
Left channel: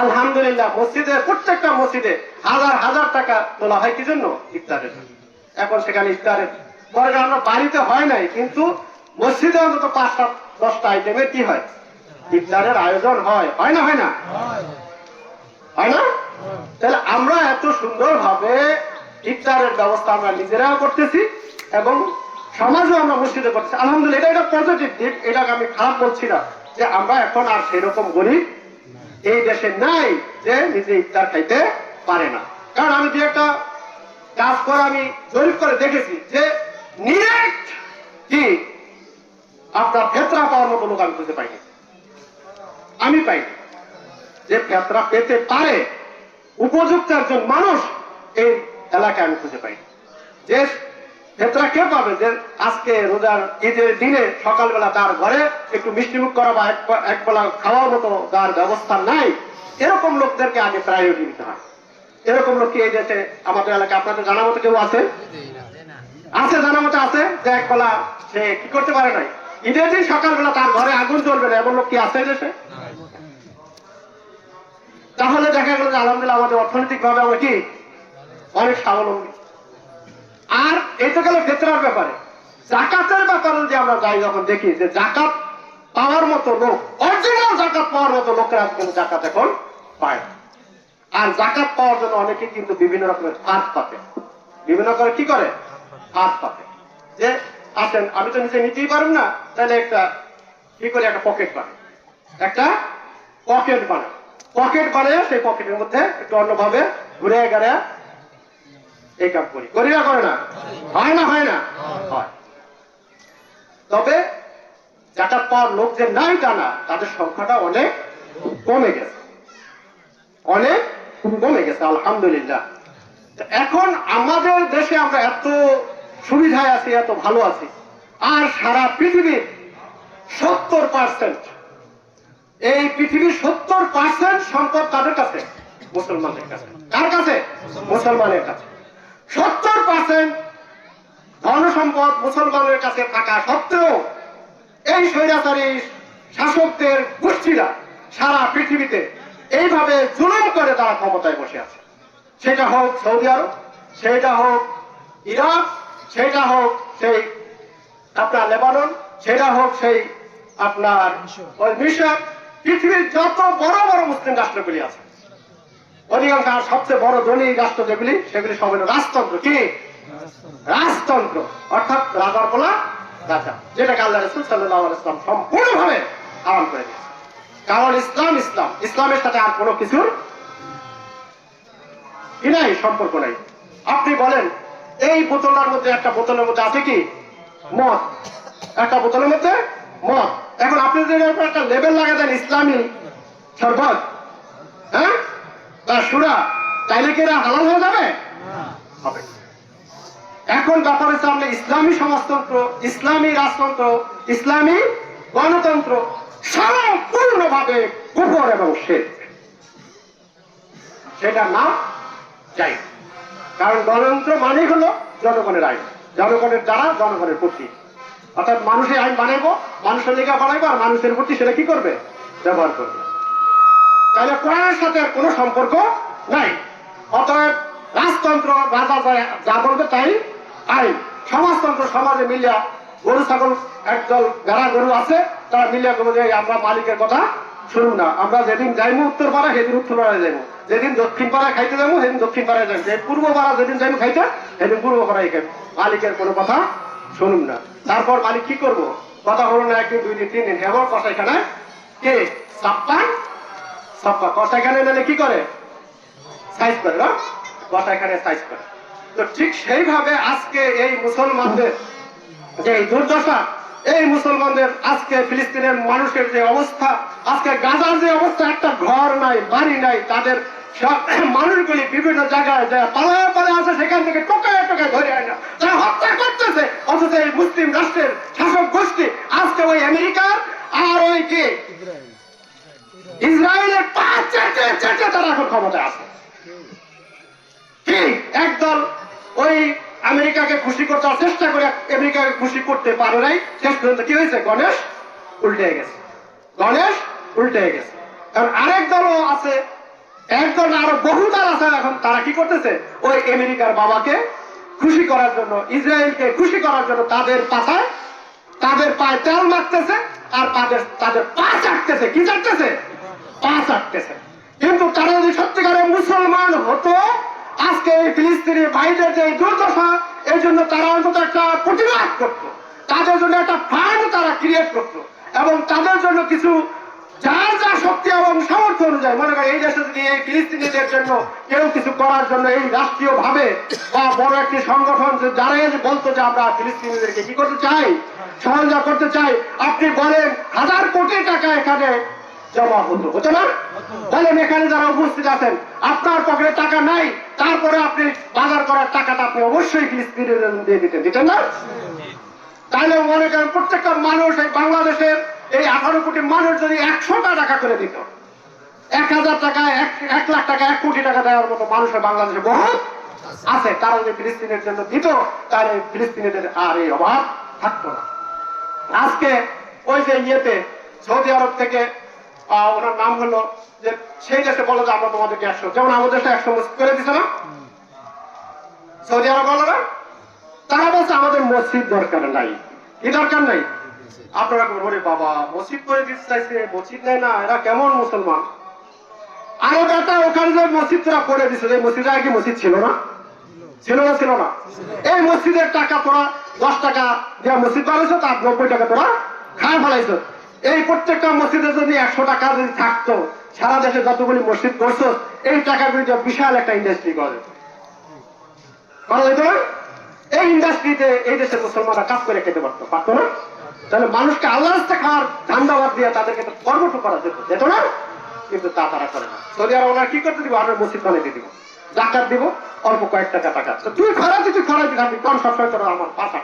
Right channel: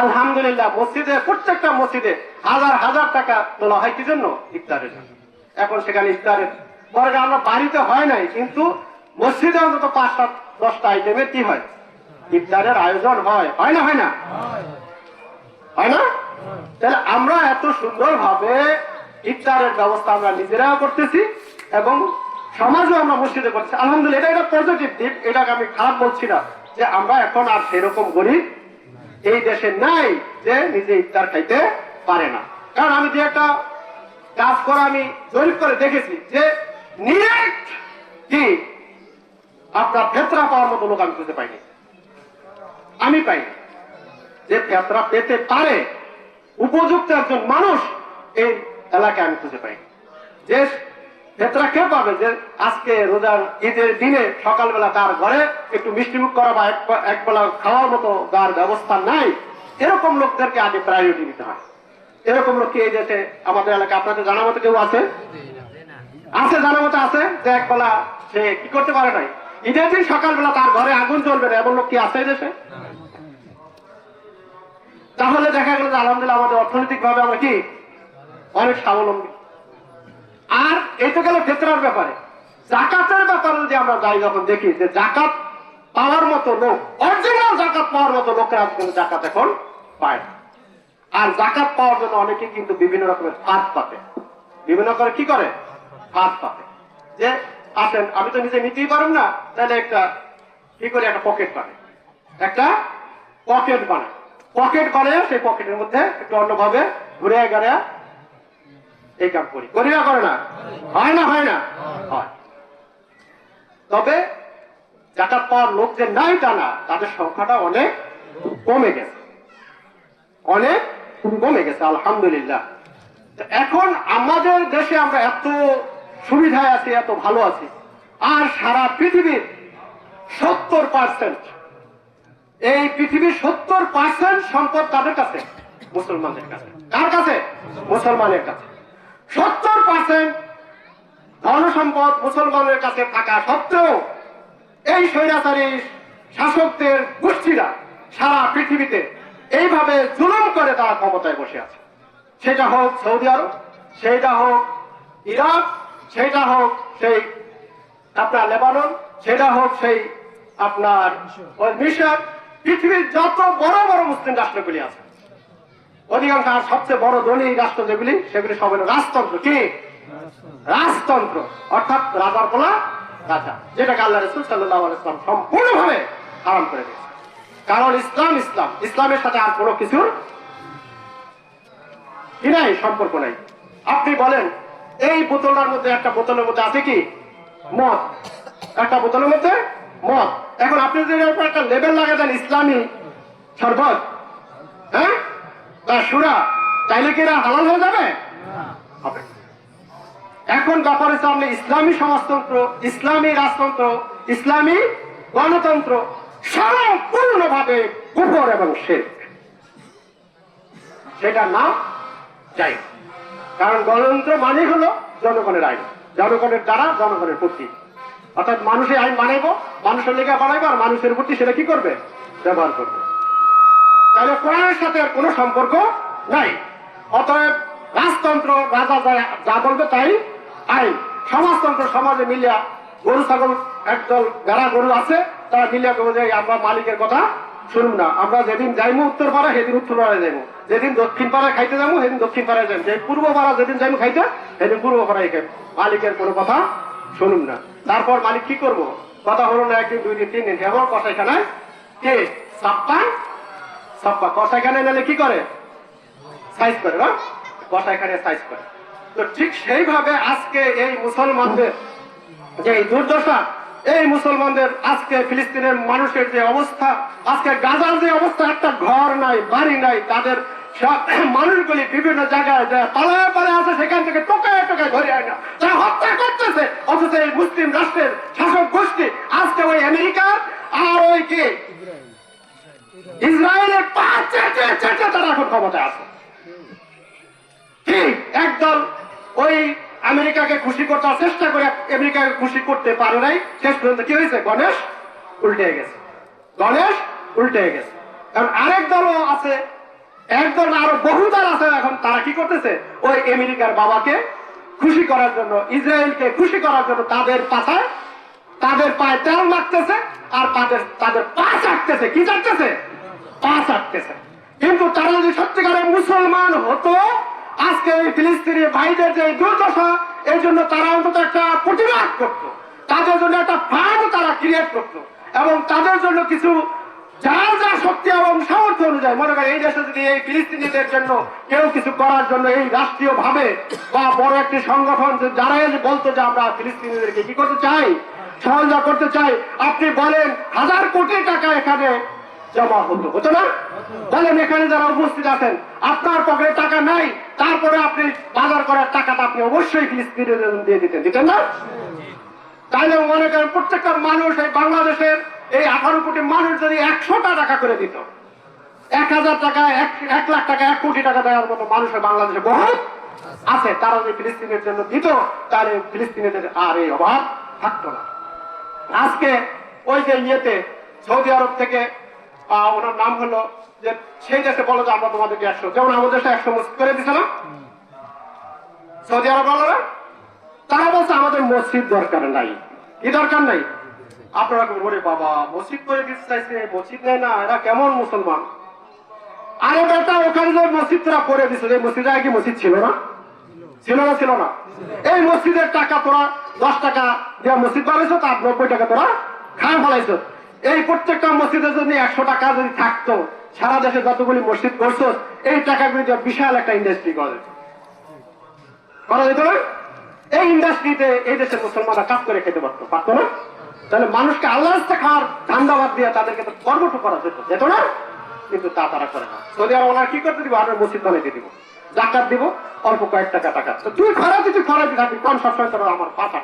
আলহামদুলিল্লাহ মসজিদে, প্রত্যেকটা মসজিদে হাজার হাজার টাকা তোলা হয় কি জন্য? ইফতারের। এখন সেখানে ইফতারের পরে আমরা বাড়িতে হয় নাই, কিন্তু মসজিদে অন্তত 5-10টা আইটেমের কি হয়, ইফতারের আয়োজন হয়, হয় না? হয় না? হয় না? তাহলে আমরা এত সুন্দর ভাবে ইফতারের ব্যবস্থা আমরা নিজেরাও করতেছি এবং সমাজও আমরা মসজিদে করছি। আলহামদুলিল্লাহ, এটা একটা পজিটিভ দিক, এটাকে আমি খারাপ বলছি না, যে আমরা এখন আর সেরকম গরিব এই দেশে নাই যে নিজে ইফতার খাইতে পারে না। কারণ আমি যে একটা কাজ করে আমি জরিপ করে দেখেছি যে নিরেট কি আপনার ফেতরা পাওয়ার মতো লোক আমি খুঁজে পাইনি, আমি পাইনি যে ফেতরা পেতে পারে উপযুক্ত একজন মানুষ এই এলাকায় আমি খুঁজে পাইনি। যে ফেতরা কে পাবে যে আজকে রোজার ঈদের দিনে সকালবেলা তার ঘরে একটু মিষ্টিমুখ করা বা এক বেলা খাওয়ার মতো তার ব্যবস্থা নাই, এরকম লোকদেরকে আগে প্রায়োরিটি দিতে হয়। এরকম লোক কি এই দেশে আমাদের এলাকা আপনাদের জানা মতো কেউ আছে? আছে, জানা মতো আছে, যে এক বেলা সে কি করতে পারে নাই, ঈদের দিন সকালবেলা তার ঘরে আগুন জ্বলবে না, এমন লোক কি আছে দেশে? তাহলে দেখা গেল যে আলহামদুলিল্লাহ আমাদের অর্থনৈতিক ভাবে আমরা কি অনেক স্বাবলম্বী। আর এই তো গেল ফেতরার ব্যাপারে। জাকাতের ব্যাপারে যে আমরা যাই, যখন দেখি যে জাকাত পাওয়ার মতো লোক, অরিজিনাল জাকাত পাওয়ার মতো লোকেরা কিন্তু জাকাত এখন পায়। আর জাকাত পাওয়ার জন্য অনেকে কিন্তু বিভিন্ন রকমের হাত পাতে, বিভিন্ন করে কি করে, হাত পাতে, যে আসেন আমি তো নিজে নিতেই পারব না, তাহলে একটা কি করে একটা পকেট বানায়, একটা পকেট বানায়, পকেট বানিয়ে সেই পকেটের মধ্যে একটু অন্যভাবে ঘুরে গেড়ে এই কাম করি, করিয়া করে না? হয় না? হয় না? হয়। তবে জাকাত পাওয়ার লোক যে নাই তা না, তাদের সংখ্যাটা অনেক কমে গেছে, অনেক কমে গেছে আলহামদুলিল্লাহ। এখন আমাদের দেশে আমরা এত সুবিধায় আছি, এত ভালো আছি, আর সারা পৃথিবীর 70%, এই পৃথিবীর 70% সম্পদ কাদের কাছে? মুসলমানের কাছে। কার কাছে? মুসলমানের কাছে। 70% ধন সম্পদ মুসলমানের কাছে থাকা সত্ত্বেও এই স্বৈরাচারী শাসকদের গোষ্ঠীরা সারা পৃথিবীতে এইভাবে জুলুম করে তারা ক্ষমতায় বসে আছে। সেটা হোক সৌদি আরব, সেটা হোক ইরাক, সেটা হোক সেই আপনার লেবানন, সেটা হোক সেই আপনার মিশর, পৃথিবীর যত বড় বড় মুসলিম রাষ্ট্রগুলি আছে অধিকাংশ আর সবচেয়ে বড় ধনী রাষ্ট্র যেগুলি সেগুলি সব হলো রাজতন্ত্র। কি রাজতন্ত্র? অর্থাৎ রাজার বলা রাজা, যেটাকে আল্লাহ রাসূল সাল্লাল্লাহু আলাইহি ওয়াসাল্লাম সম্পূর্ণভাবে হারাম করে দিয়েছে। কারণ ইসলামের সাথে আর কোনো কিছুর কি নাই, সম্পর্ক নাই। আপনি বলেন এই বোতলের মধ্যে, একটা বোতলের মধ্যে আছে কি মদ, একটা বোতলের মধ্যে মদ। এখন আপনি যদি একটা লেবেল লাগাই দেন ইসলামী শরবত, হ্যাঁ, বা সুরা, তাইলে কি এরা হালাল হয়ে যাবে? হবে। এখন ব্যাপার হচ্ছে আমরা ইসলামী সমাজতন্ত্র, ইসলামী রাজতন্ত্র, ইসলামী গণতন্ত্র সম্পূর্ণভাবে কুফর এবং শিরক। সেটা না চাই। কারণ গণতন্ত্র মানে হলো জনগণের আইন, জনগণের দ্বারা জনগণের প্রতি। অর্থাৎ মানুষের আইন বানাইবো, মানুষের লেখা বানাইবো, আর মানুষের প্রতি সেটা কি করবে? ব্যবহার করবে। তাহলে কোরআনের সাথে কোনো সম্পর্ক নাই। অতএব রাজতন্ত্র, রাজা যা বলবে তাই আইন। সমাজতন্ত্র, সমাজে মিলিয়া গরু ছাগল একদল যারা গরু আছে তারা মিলিয়া বলবে আমরা মালিকের কথা শুনুন না, আমরা যেদিন যাইবো উত্তর পাড়ায় সেদিন উত্তর পাড়ায় যাবো, যেদিন দক্ষিণ পাড়ায় খাইতে যাবো সেদিন দক্ষিণ পাড়ায় যাবো, পূর্ব পাড়া যেদিন যাইবো খাইতে সেদিন পূর্ব পাড়ায় খাই। মালিকের কোনো কথা শুনুন না। তারপর মালিক কি করবো? কথা হলো না, একদিন, দুই দিন, তিন দিন, এখন কষাইখানে কে ছাপ্পা কষাইখানে নিলে কি করে? সাইজ করে না, কষাইখানে সাইজ করে। তো ঠিক সেইভাবে আজকে এই মুসলমানদের যে দুর্দশা, এই মুসলমানদের আজকে ফিলিস্তিনের মানুষের যে অবস্থা, আজকে গাজার যে অবস্থা, একটা ঘর নাই, বাড়ি নাই, তাদের মানুষগুলি বিভিন্ন জায়গায় পালায় পালায় আছে, সেখান থেকে টোকায় টোকায় ধরে আনে, তারা হত্যা করতেছে। অথচ এই মুসলিম রাষ্ট্রের শাসক গোষ্ঠী আজকে ওই আমেরিকার আর ওই কি ইসরায়েলের পাঁচ চারটে তারা এখন ক্ষমতায় আছে। কি একদল ওই আমেরিকাকে খুশি করতে চেষ্টা করে আমেরিকাকে খুশি করতে পারে নাই, শেষ পর্যন্ত কি হয়েছে? গণেশ উল্টে গেছে, গণেশ উল্টে গেছে। কারণ আরেক দলও আছে, একদল আরো বহু দল আছে, এখন তারা কি করতেছে? ওই আমেরিকার বাবাকে খুশি করার জন্য, ইসরায়েলকে খুশি করার জন্য তাদের পাশায়, তাদের পায়ে তেল মারতেছে, আর তাদের পা চাটতেছে। কি চাটতেছে? পা চাটতেছে। কিন্তু তারা যদি সত্যিকারের মুসলমান হতো, আজকে এই ফিলিস্তিনি ভাইদের যে দুর্দশা, এর জন্য তারা অন্তত একটা প্রতিবাদ করত, তাদের জন্য একটা ফান্ড তারা ক্রিয়েট করত, এবং তাদের জন্য কিছু যার যা শক্তি এবং সামর্থ্য অনুযায়ী, মনে করেন এই দেশে যদি এই ফিলিস্তিনিদের জন্য কেউ কিছু করার জন্য এই রাষ্ট্রীয় ভাবে বা বড় একটি সংগঠন যারা বলতো যে আমরা ফিলিস্তিনিদেরকে কি করতে চাই, সহযোগিতা করতে চাই, আপনি বলেন 1000 কোটি টাকা এখানে জমা হতো না? বলেন এখানে যারা উপস্থিত আছেন, আপনার পকেটে টাকা নাই, তারপরে আপনি বাজার করার টাকাটা আপনি অবশ্যই ফিলিস্তিনিদের জন্য দিয়ে দিতেন না? তাহলে মনে করেন প্রত্যেকটা মানুষ, এই বাংলাদেশের এই 18 কোটি মানুষ যদি 100টা টাকা করে দিত, 1000 টাকা, 1 লাখ টাকা, 1 কোটি টাকা দেওয়ার মতো মানুষের বাংলাদেশে বহুত আছে, তারা যদি ফিলিস্তিনের জন্য দিত, তাহলে ফিলিস্তিনিদের আর এই অভাব থাকতো না। আজকে ওই যে ইয়েতে সৌদি আরব থেকে ওনার নাম হলো যে সেই দেশে বলো যে আমরা তোমাদেরকে 100, যেমন আমাদের দেশে 100 মসজিদ করে দিছে না সৌদি আরব বলারা, তারা বলছে আমাদের মসজিদ দরকার নাই। কি দরকার নাই? আপনারা বলে বাবা মসজিদ করে দিতে চাইছে, মসজিদ নেয় না, এরা কেমন মুসলমান? আরে বেটা, ওখানে যে মসজিদ তোরা করে দিচ্ছে, এই মসজিদে আর কি মসজিদ ছিল না? ছিল না? ছিল না? এই মসজিদের টাকা তোরা 10 টাকা দেওয়া মসজিদ বানাইছো, তার 90 টাকা তোরা খাওয়া ফেলাইছো। এই প্রত্যেকটা মসজিদে যদি 100 টাকা যদি থাকতো, সারা দেশে যতগুলি মসজিদ করছো, এই টাকাগুলি বিশাল একটা ইন্ডাস্ট্রি করে করা যেত না? এই ইন্ডাস্ট্রিতে এই দেশের মুসলমানরা কাজ করে খেতে পারতো না? তাহলে মানুষকে আল্লাহ রাস্তা খাওয়ার ধান্দাবাদ দিয়ে তাদেরকে কর্মঠ করা যেত না? কিন্তু তা তারা করে না। সৌদি আরব ওরা কি করতে দিব? আমরা মসজিদ বানাইতে দিব, জাকাত দিব, অল্প কয়েক টাকা। তো তুই খরাতে থাকবি, কম সবসময় তোরা আমার পাশা।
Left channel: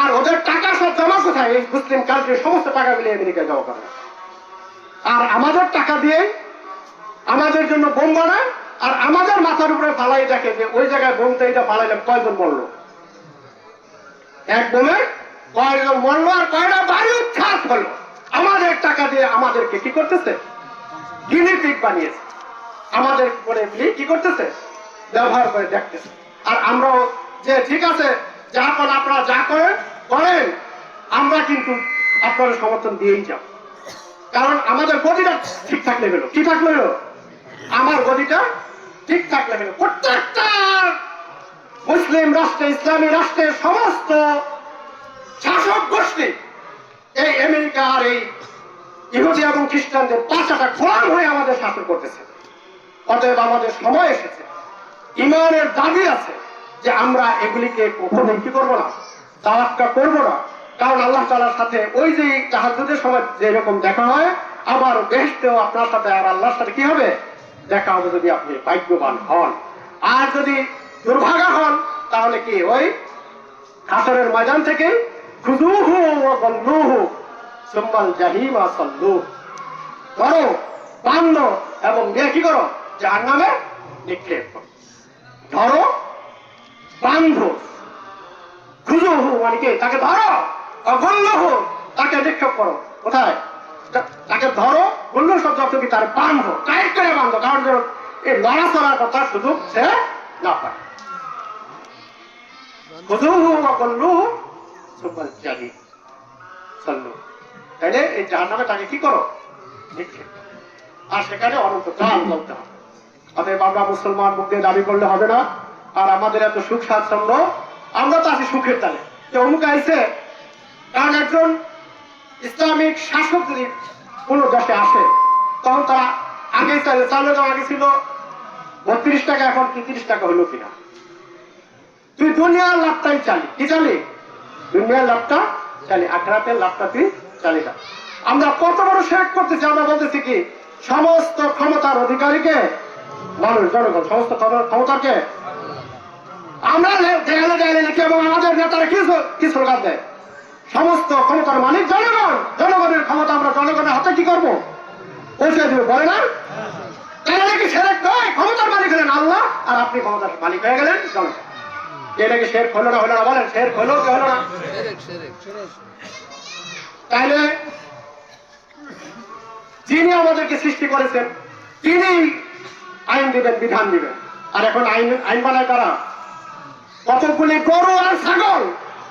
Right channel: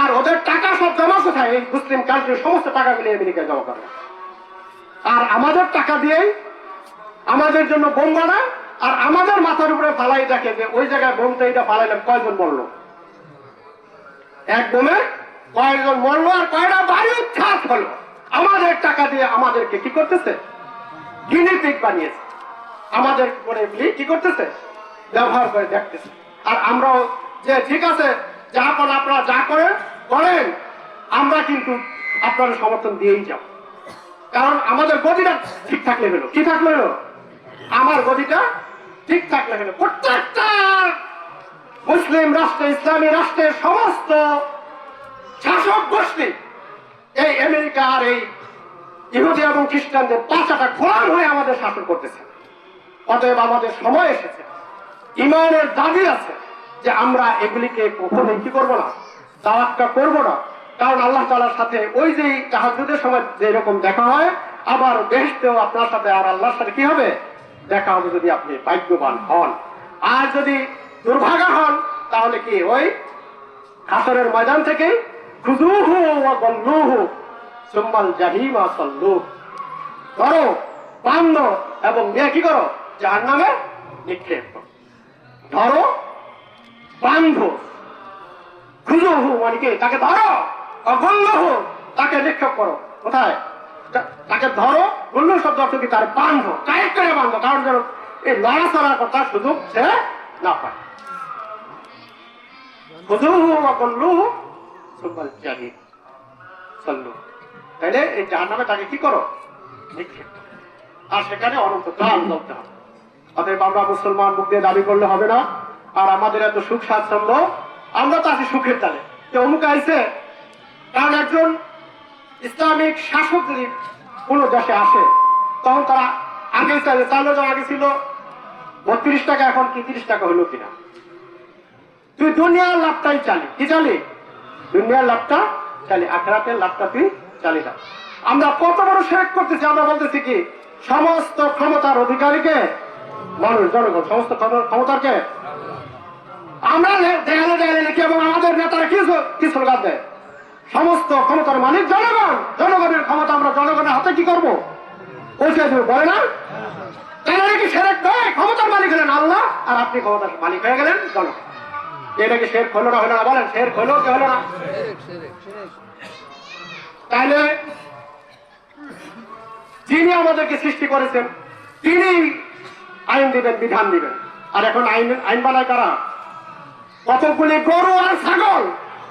আর ওদের টাকা সব জমা কোথায়? এই মুসলিম কান্ট্রির সমস্ত টাকা মিলে আমেরিকায় জমা করে। আর আমাদের টাকা দিয়েই আমাদের জন্য বোম বানায়, আর আমাদের মাথার উপরে ফালাই দেখে যে ওই জায়গায় বোমটা এটা ফালাইলে কয়জন মরলো, এক বোমে কয়জন মরলো, আর কয়টা বায়ু ছাপ হলো। আমাদের টাকা দিয়ে আমাদেরকে কি করতেছে? গিনি পিগ বানিয়েছে, আমাদের করে কি করতেছে? ব্যবহার করে দেখতেছে। আর আমরাও যে ঠিক আছে যা করেন আপনারা যা করেন, আমরা কিন্তু আপনাদের সমর্থন দিয়েই যাব। কারণ আমাদের গতিটা ঠিক থাকলে হলো। কি থাকলে হলো? আমার গদিটা ঠিক থাকলে হলো। প্রত্যেকটা মুসলিম রাষ্ট্রে, ইসলামী রাষ্ট্রের সমস্ত শাসক গোষ্ঠী এই আমেরিকা আর এই ইহুদি এবং খ্রিস্টানদের পাঁচাটা খোলাম হয়ে আমাদের শাসন করতেছে। অতএব আমাদের সময় এসেছে, ইমানের দাবি আছে যে আমরা এগুলিকে কখনোই কি করবো না, তাওয়াক্কা করবো না। কারণ আল্লাহ তাআলার সাথে ওই যে তাহাজ্জুদের সময় যেরকম দেখা হয়, আবার বেহেশতেও আপনার সাথে আর আল্লাহর সাথে কি হবে, দেখা হবে, যদি আপনি ভাগ্যবান হন। আর যদি দুর্ভাগা হন তাহলে কি ওই হাসরের ময়দান থেকে খুযুহু ওয়া গল্লুহু সুম্মাল জাহিমা সাল্লুহু, ধরো, বান্ধো এবং কি করো, জাহান্নামে নিক্ষেপ করো। ধরো, বান্ধো, খুযুহু মানে কি, তাকে ধরো, গল্লুহু তাকে নিক্ষেপ করো। কোথায়? তাকে ধরো, গল্লু শব্দ অর্থ কি, তার বান্ধো, টাইট করে বান্ধো, কারণ যেন এই লড়াচড়ার কথা সুযোগ সে না পায়। খুযুহু ওয়া গল্লুহু সুম্মাল জাহিম সাল্লুহু, তাহলে এই জাহান্নামে তাকে কি করো, নিক্ষেপ, আর সেখানে অনন্তকাল চলতে হবে। অতএব আমরা মুসলমান মুখ দিয়ে দাবি করলে হবে না। আর আমাদের এত সুখ স্বাচ্ছন্দ্য, আমরা তো আছি সুখের তালে। তো অমুক আইছে, কারণ একজন ইসলামিক শাসক যদি কোন দেশে আসে, তখন তারা আগে চালের দাম আগে ছিল 32 টাকা, এখন কি 30 টাকা হলো কিনা। তুই দুনিয়ার লাভটাই চালি, কি চালি, দুনিয়ার লাভটা চালি, আখেরাতের লাভটা তুই চালি না। আমরা কত বড় শিরক করতেছি, আমরা বলতেছি কি সমস্ত ক্ষমতার অধিকারীকে মানুষ, জনগণ, সমস্ত ক্ষমতাকে আমরা দেয়ালে দেয়ালে লিখি, এবং আমাদের নেতারা কি স্লোগান দেয়, সমস্ত ক্ষমতার মালিক জনগণ, জনগণের ক্ষমতা আমরা জনগণের হাতে কি করবো, পৌঁছে দেবো, বলে না? তাই নাকি শিরক নয়? ক্ষমতার মালিক হলেন আল্লাহ, আর আপনি ক্ষমতার মালিক হয়ে গেলেন জনগণ। এটা কি শিরক হলো না, হলো না? বলেন, শিরক হলো কি হলো না? তাইলে যিনি আমাদেরকে সৃষ্টি করেছেন তিনি আইন দিবেন, বিধান দিবেন, আর এখন আইন বানায় তারা কতগুলি গরু আর ছাগল,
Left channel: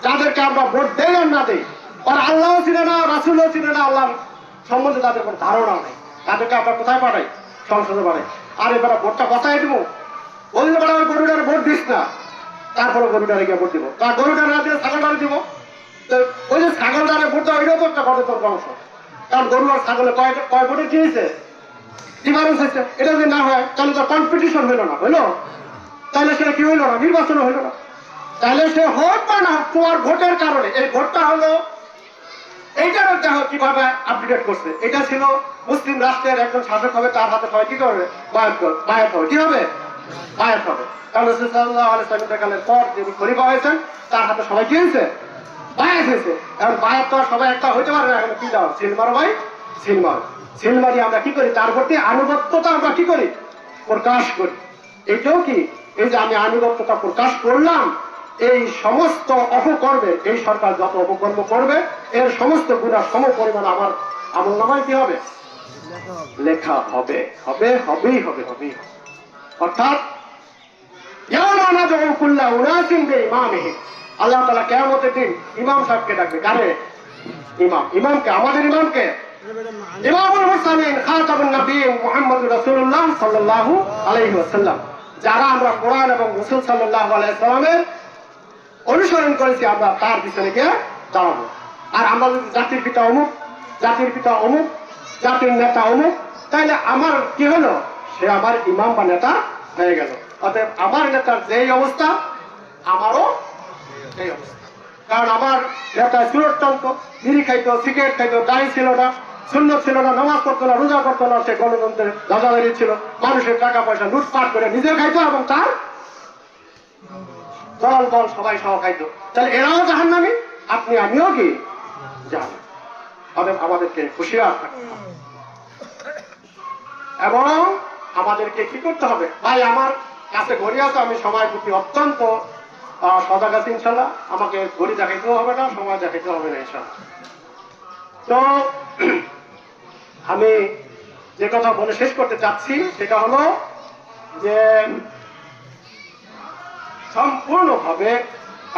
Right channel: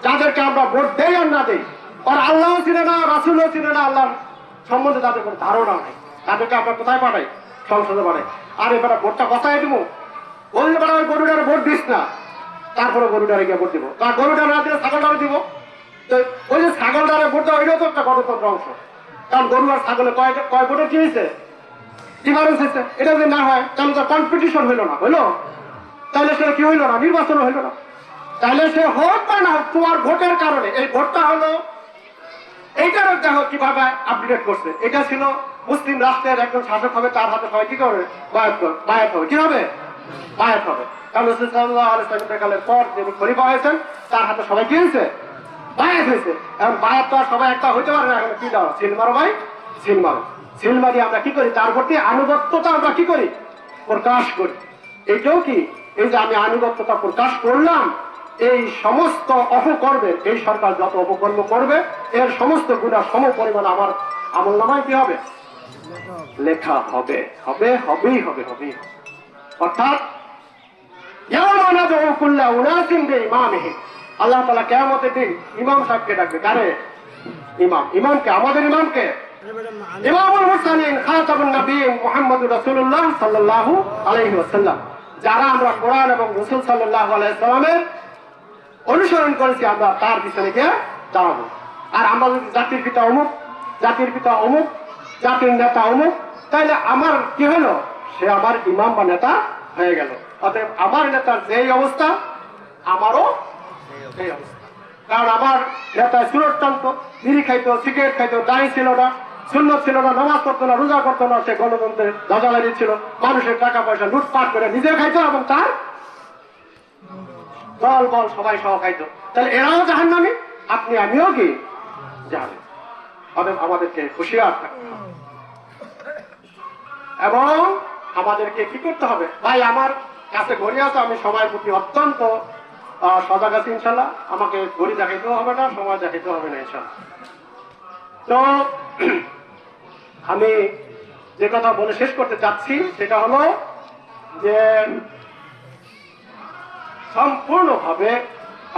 যাদেরকে আমরা ভোট দেই আর না দেই, আর আল্লাহও ছিল না, রাসূলও ছিল না, আল্লাহ সম্বন্ধে তাদের কোনো ধারণা নেই, তাদেরকে আমরা কোথায় পাঠাই, সংসদে পাঠাই। আর এবার ভোটটা কোথায় দেবো, বলতে পারে ওই গরুটারে ভোট দিস না, তারপরে গরুটারে গিয়ে ভোট দিব, তার গরুটা না দিলে ছাগলটারে দিব। তো ওই যে ছাগলটারে ভোট দেওয়া, ওইটাও তো একটা গণতন্ত্র অংশ, কারণ গরু আর ছাগলে কয় ভোটে কি হয়েছে, ডিফারেন্স হয়েছে। এটা যদি না হয় তাহলে তো কম্পিটিশন হইলো না, হইলো, তাহলে সে কি হইলো না, নির্বাচন হইলো না। তাহলে সে হোক বা না হোক, তোমার ভোটের কারণে এই ভোটটা হলো, এইটার দেখো কিভাবে আপডেট করছে। এটা ছিল মুসলিম রাষ্ট্রের একজন শাসক হবে, তার হাতে সবাই কি করবে, বায়াত হবে, কি হবে, বায়াত হবে। কারণ রাসূল সাল্লাল্লাহু আলাইহি ওয়াসাল্লামের পর যিনি খলিফা হয়েছেন, তার হাতে সবাই কি হয়েছে, বায়াত হয়েছে। এখন বায়াত তো আর সবাই একটা হইতে পারবে না, এখন কি দাও, সিল মারো ভাই, সিল মারো। সিল মারি আমরা কি করি, তার প্রতি আনুগত্যতা আমরা কি করি, প্রকাশ করি। এইটাও কি, এই যে আমি আনুগত্যতা প্রকাশ করলাম, এই সমস্ত অপকর্মে, এই সরকার যত অপকর্ম করবে এর সমস্ত গুণা সম পরিমাণ আমার আমলনামায় কি হবে, লেখা হবে, হবে, হবেই হবে, হবেই। অর্থাৎ আল্লাহ তাআলা কিয়ামতের দিন ইমাম সাহেবকে ডাকবে, কারে, ইমাম, ইমামকে, আমাদের ইমামকে, ইমামুল মুরসালিন খাতামুন নবিয়্যিন মুহাম্মদুর রাসূলুল্লাহ সাল্লাল্লাহু আলাইহি ওয়াসাল্লাম। যারা আমরা কোরআন এবং রাসূল সাল্লাল্লাহু আলাইহি ওয়াসাল্লামের অনুসরণ করেছি, আমরা তার পিছনে গিয়ে দাঁড়াবো। আর আমরা যদি জাতির পিতা অমুক, জাতির পিতা অমুক, জাতির নেতা অমুক, তাহলে আমার কি হলো, সে আমার ইমাম বা নেতা হয়ে গেল। অতএব আমার নেতার যেই অবস্থা, আমারও সেই অবস্থা। কারণ আমার নেতা সুরট টানতো, বিড়ি খাইতো, সিগারেট খাইতো, দাড়ি ছিল না, সুন্নত ছিল না, নামাজ পড়তো না, রোজা করতো না, সে গণতন্ত্রের ধ্বজাধারী ছিল, মানুষের টাকা পয়সা লুটপাট করে নিজের খাইতো এবং তার দল বল সবাই সহ খাইতো। তাহলে এরাও জাহান্নামী, আপনি আমিও কি জাহান্নামী। অতএব আমাদেরকে হুঁশিয়ার থাকতে হবে এবং আমাদেরকে কি করতে হবে। ভাই আমার কাছে ঘড়ি আছে, আমি সময়ের প্রতি অত্যন্ত সজাগ আছি ইনশাল্লাহ। আমাকে ঘড়ি দেখাইতেও হবে না, সময় দেখাইতেও হবে না ইনশাল্লাহ। তো আমি যে কথা বলে শেষ করতে চাচ্ছি সেটা হলো যে সম্পূর্ণভাবে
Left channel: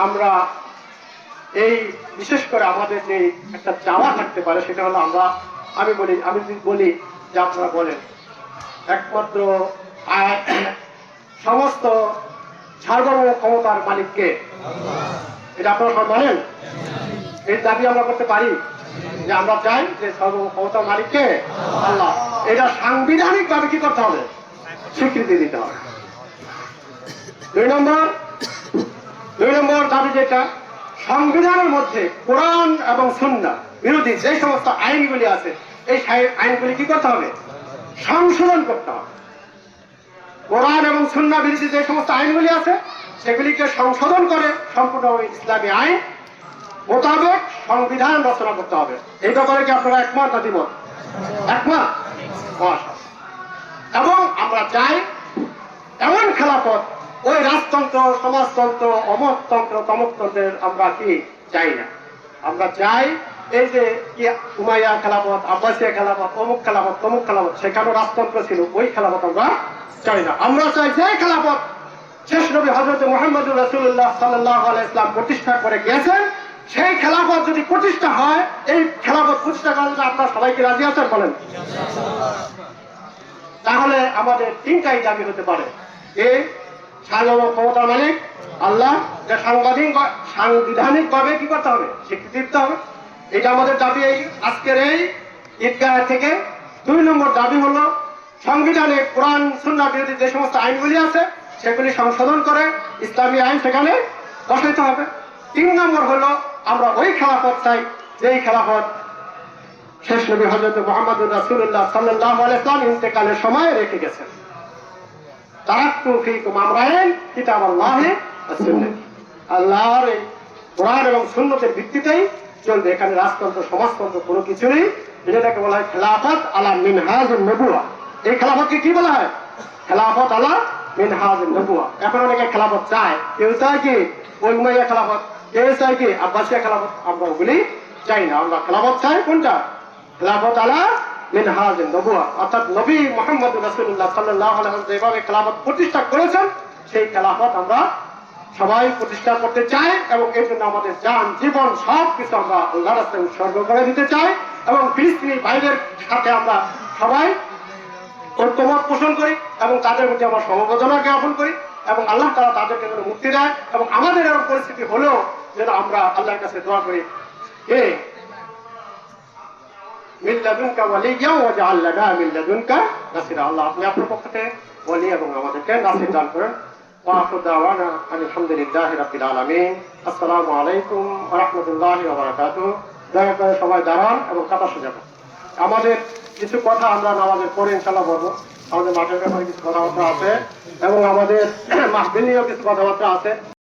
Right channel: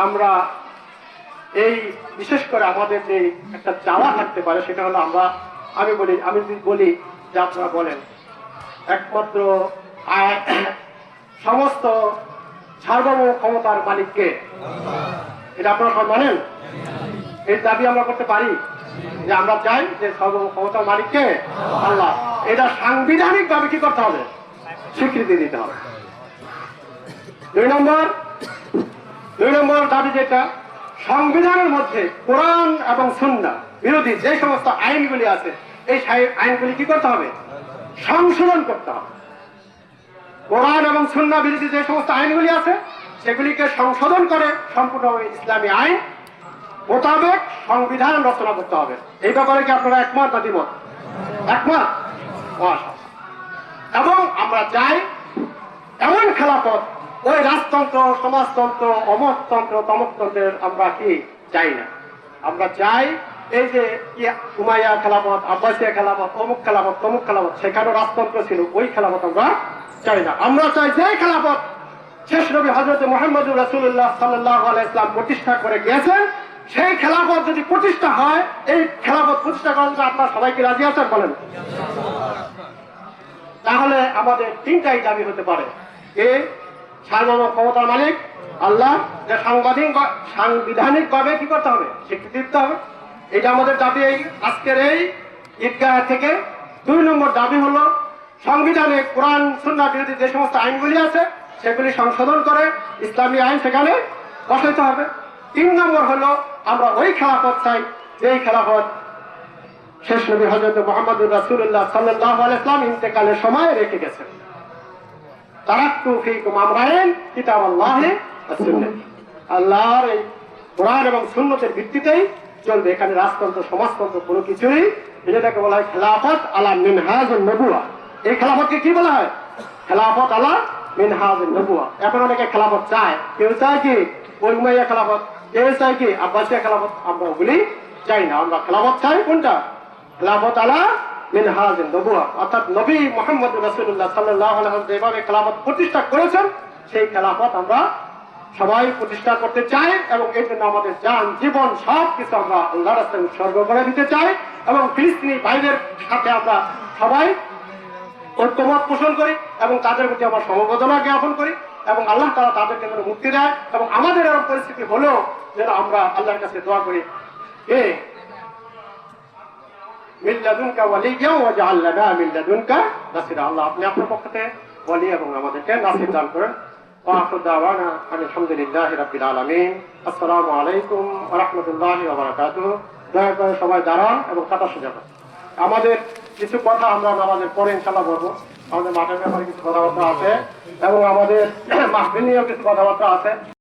আমরা এই বিশেষ করে আমাদের যে একটা চাওয়া থাকতে পারে, সেটা হলো আমি বলি যে আপনারা বলেন একমাত্র আর সমস্ত সার্বভৌম ক্ষমতার মালিককে। এটা আপনারা সব মানেন? এই দাবি আমরা করতে পারি যে আমরা চাই যে সার্বভৌম ক্ষমতার মালিককে আল্লাহ। এটা সাংবিধানিক ভাবে কি করতে হবে? স্বীকৃতি দিতে হবে। দুই নম্বর দাবি যেটা, সংবিধানের মধ্যে কোরআন এবং সুন্নাহ বিরোধী যে সমস্ত আইনগুলি আছে এই আইনগুলি কি করতে হবে? সংশোধন করতে হবে। কোরআন এবং সুন্নাহ বিরোধী যে সমস্ত আইনগুলি আছে সেগুলিকে সংশোধন করে সম্পূর্ণ ইসলামী আইন মোতাবেক সংবিধান রচনা করতে হবে। এই ব্যাপারে কি আপনারা একমত না দ্বিমত? একমত। এবং আমরা চাই এমন খেলাফত, ওই রাজতন্ত্র, সমাজতন্ত্র, অমততন্ত্র, তমকতন্ত্রের আমরা কি চাই না। আমরা চাই এই যে উমাইয়া খেলাফত, আব্বাসিয়া খেলাফত, অমুক খেলাফত, তমুক খেলাফত, সেখানে রাজতন্ত্র ছিল, ওই খেলাফত আমরা চাই না। আমরা চাই যে খেলাফত শেষ নবী হযরত মুহাম্মদ রাসূলুল্লাহ সাল্লাল্লাহু আলাইহি ওয়াসাল্লাম প্রতিষ্ঠা করে গিয়েছেন, সেই খেলাফত যদি প্রতিষ্ঠা হয়, এই খেলাফত প্রতিষ্ঠা করার জন্য আপনারা সবাইকে রাজি আছেন বলেন? তাহলে আমাদের তিনটাই দাবি হতে পারে। এই সার্বভৌম ক্ষমতার মালিক আল্লাহ, সাংবিধানিক ভাবে কি করতে হবে? স্বীকৃতি দিতে হবে। এটা আমাদের দাবি এই আজকের এই ঈদগাহ থেকে। দুই নম্বর দাবি হলো সংবিধানে কোরআন সুন্নাহ বিরোধী যে সমস্ত আইনগুলি আছে সেগুলি সংশোধন করে ইসলামী আইন সেখানে বসাইতে হবে। তিন নম্বর হলো আমরা ওই খেলাফত চাই যেই খেলাফত শেষ নবী হযরত মুহাম্মদ রাসূলুল্লাহ সাল্লাল্লাহু আলাইহি ওয়াসাল্লাম ইন্তেকালের সময় রেখে গেছেন। তারাক্তু ফীকুম আমরাইন কিতাবাল্লাহি ওয়া সুন্নাহ। আল্লাহর এই কোরআন এবং সুন্নতের ভিত্তিতেই চলবে। এখানে রাজতন্ত্র, সমাজতন্ত্র কোনো কিছু নেই। এটাকে বলা হয় খেলাফত আলা মিনহাজুন নবুওয়া। এই খেলাফতকে কি বলা হয়? খেলাফত আলা মিনহাজুন নবুওয়া। এখন অনেকে খেলাফত চায়, কেউ চায় কি ওই উমাইয়া খেলাফত, কেউ চায় কি আব্বাসিয়া খেলাফত। আমরা ওগুলি চাই না। আমরা খেলাফত চাই কোনটা? খেলাফত আলা মিনহাজুন নবুওয়া, অর্থাৎ নবী মুহাম্মদ রাসূলুল্লাহ সাল্লাল্লাহু আলাইহি ওয়াসাল্লাম যেভাবে খেলাফত প্রতিষ্ঠা করেছেন সেই খেলাফত আমরা সবাই প্রতিষ্ঠা করতে চাই এবং এর জন্য আমাদের জান, জীবন সব কিছু আমরা আল্লাহর রাস্তায় উৎসর্গ করে দিতে চাই। এবং ফিলিস্তিনি ভাইদের সাথে আমরা সবাই ঐক্যমত পোষণ করি এবং তাদের প্রতি আমরা সমবেদনা জ্ঞাপন করি এবং আল্লাহ তাআলা তাদেরকে যেন মুক্তি দেয়। এবং আমাদের এমন পরিস্থিতি হলেও যেন আমরা আল্লাহর কাছে দোয়া করি, হে মিন লাদুনকা ওয়ালিয়্যা ওয়াজআল লানা মিন লাদুনকা নাসিরা। আল্লাহ আপনি আপনার পক্ষ থেকে ওয়ালি এবং আমাদেরকে নাসির দান করেন। وآخر دعوانا أن الحمد لله رب العالمين. السلام عليكم ورحمة الله وبركاته. দয়া করে সবাই দাঁড়ান এবং কথা শোনাবেন। আমাদের কিছু কথা আমরা নামাজের পরে ইনশাআল্লাহ বলবো। আমাদের মাঠের ব্যাপারে কিছু কথাবার্তা আছে এবং আমাদের মাহফিল নিয়েও কিছু কথাবার্তা আছে।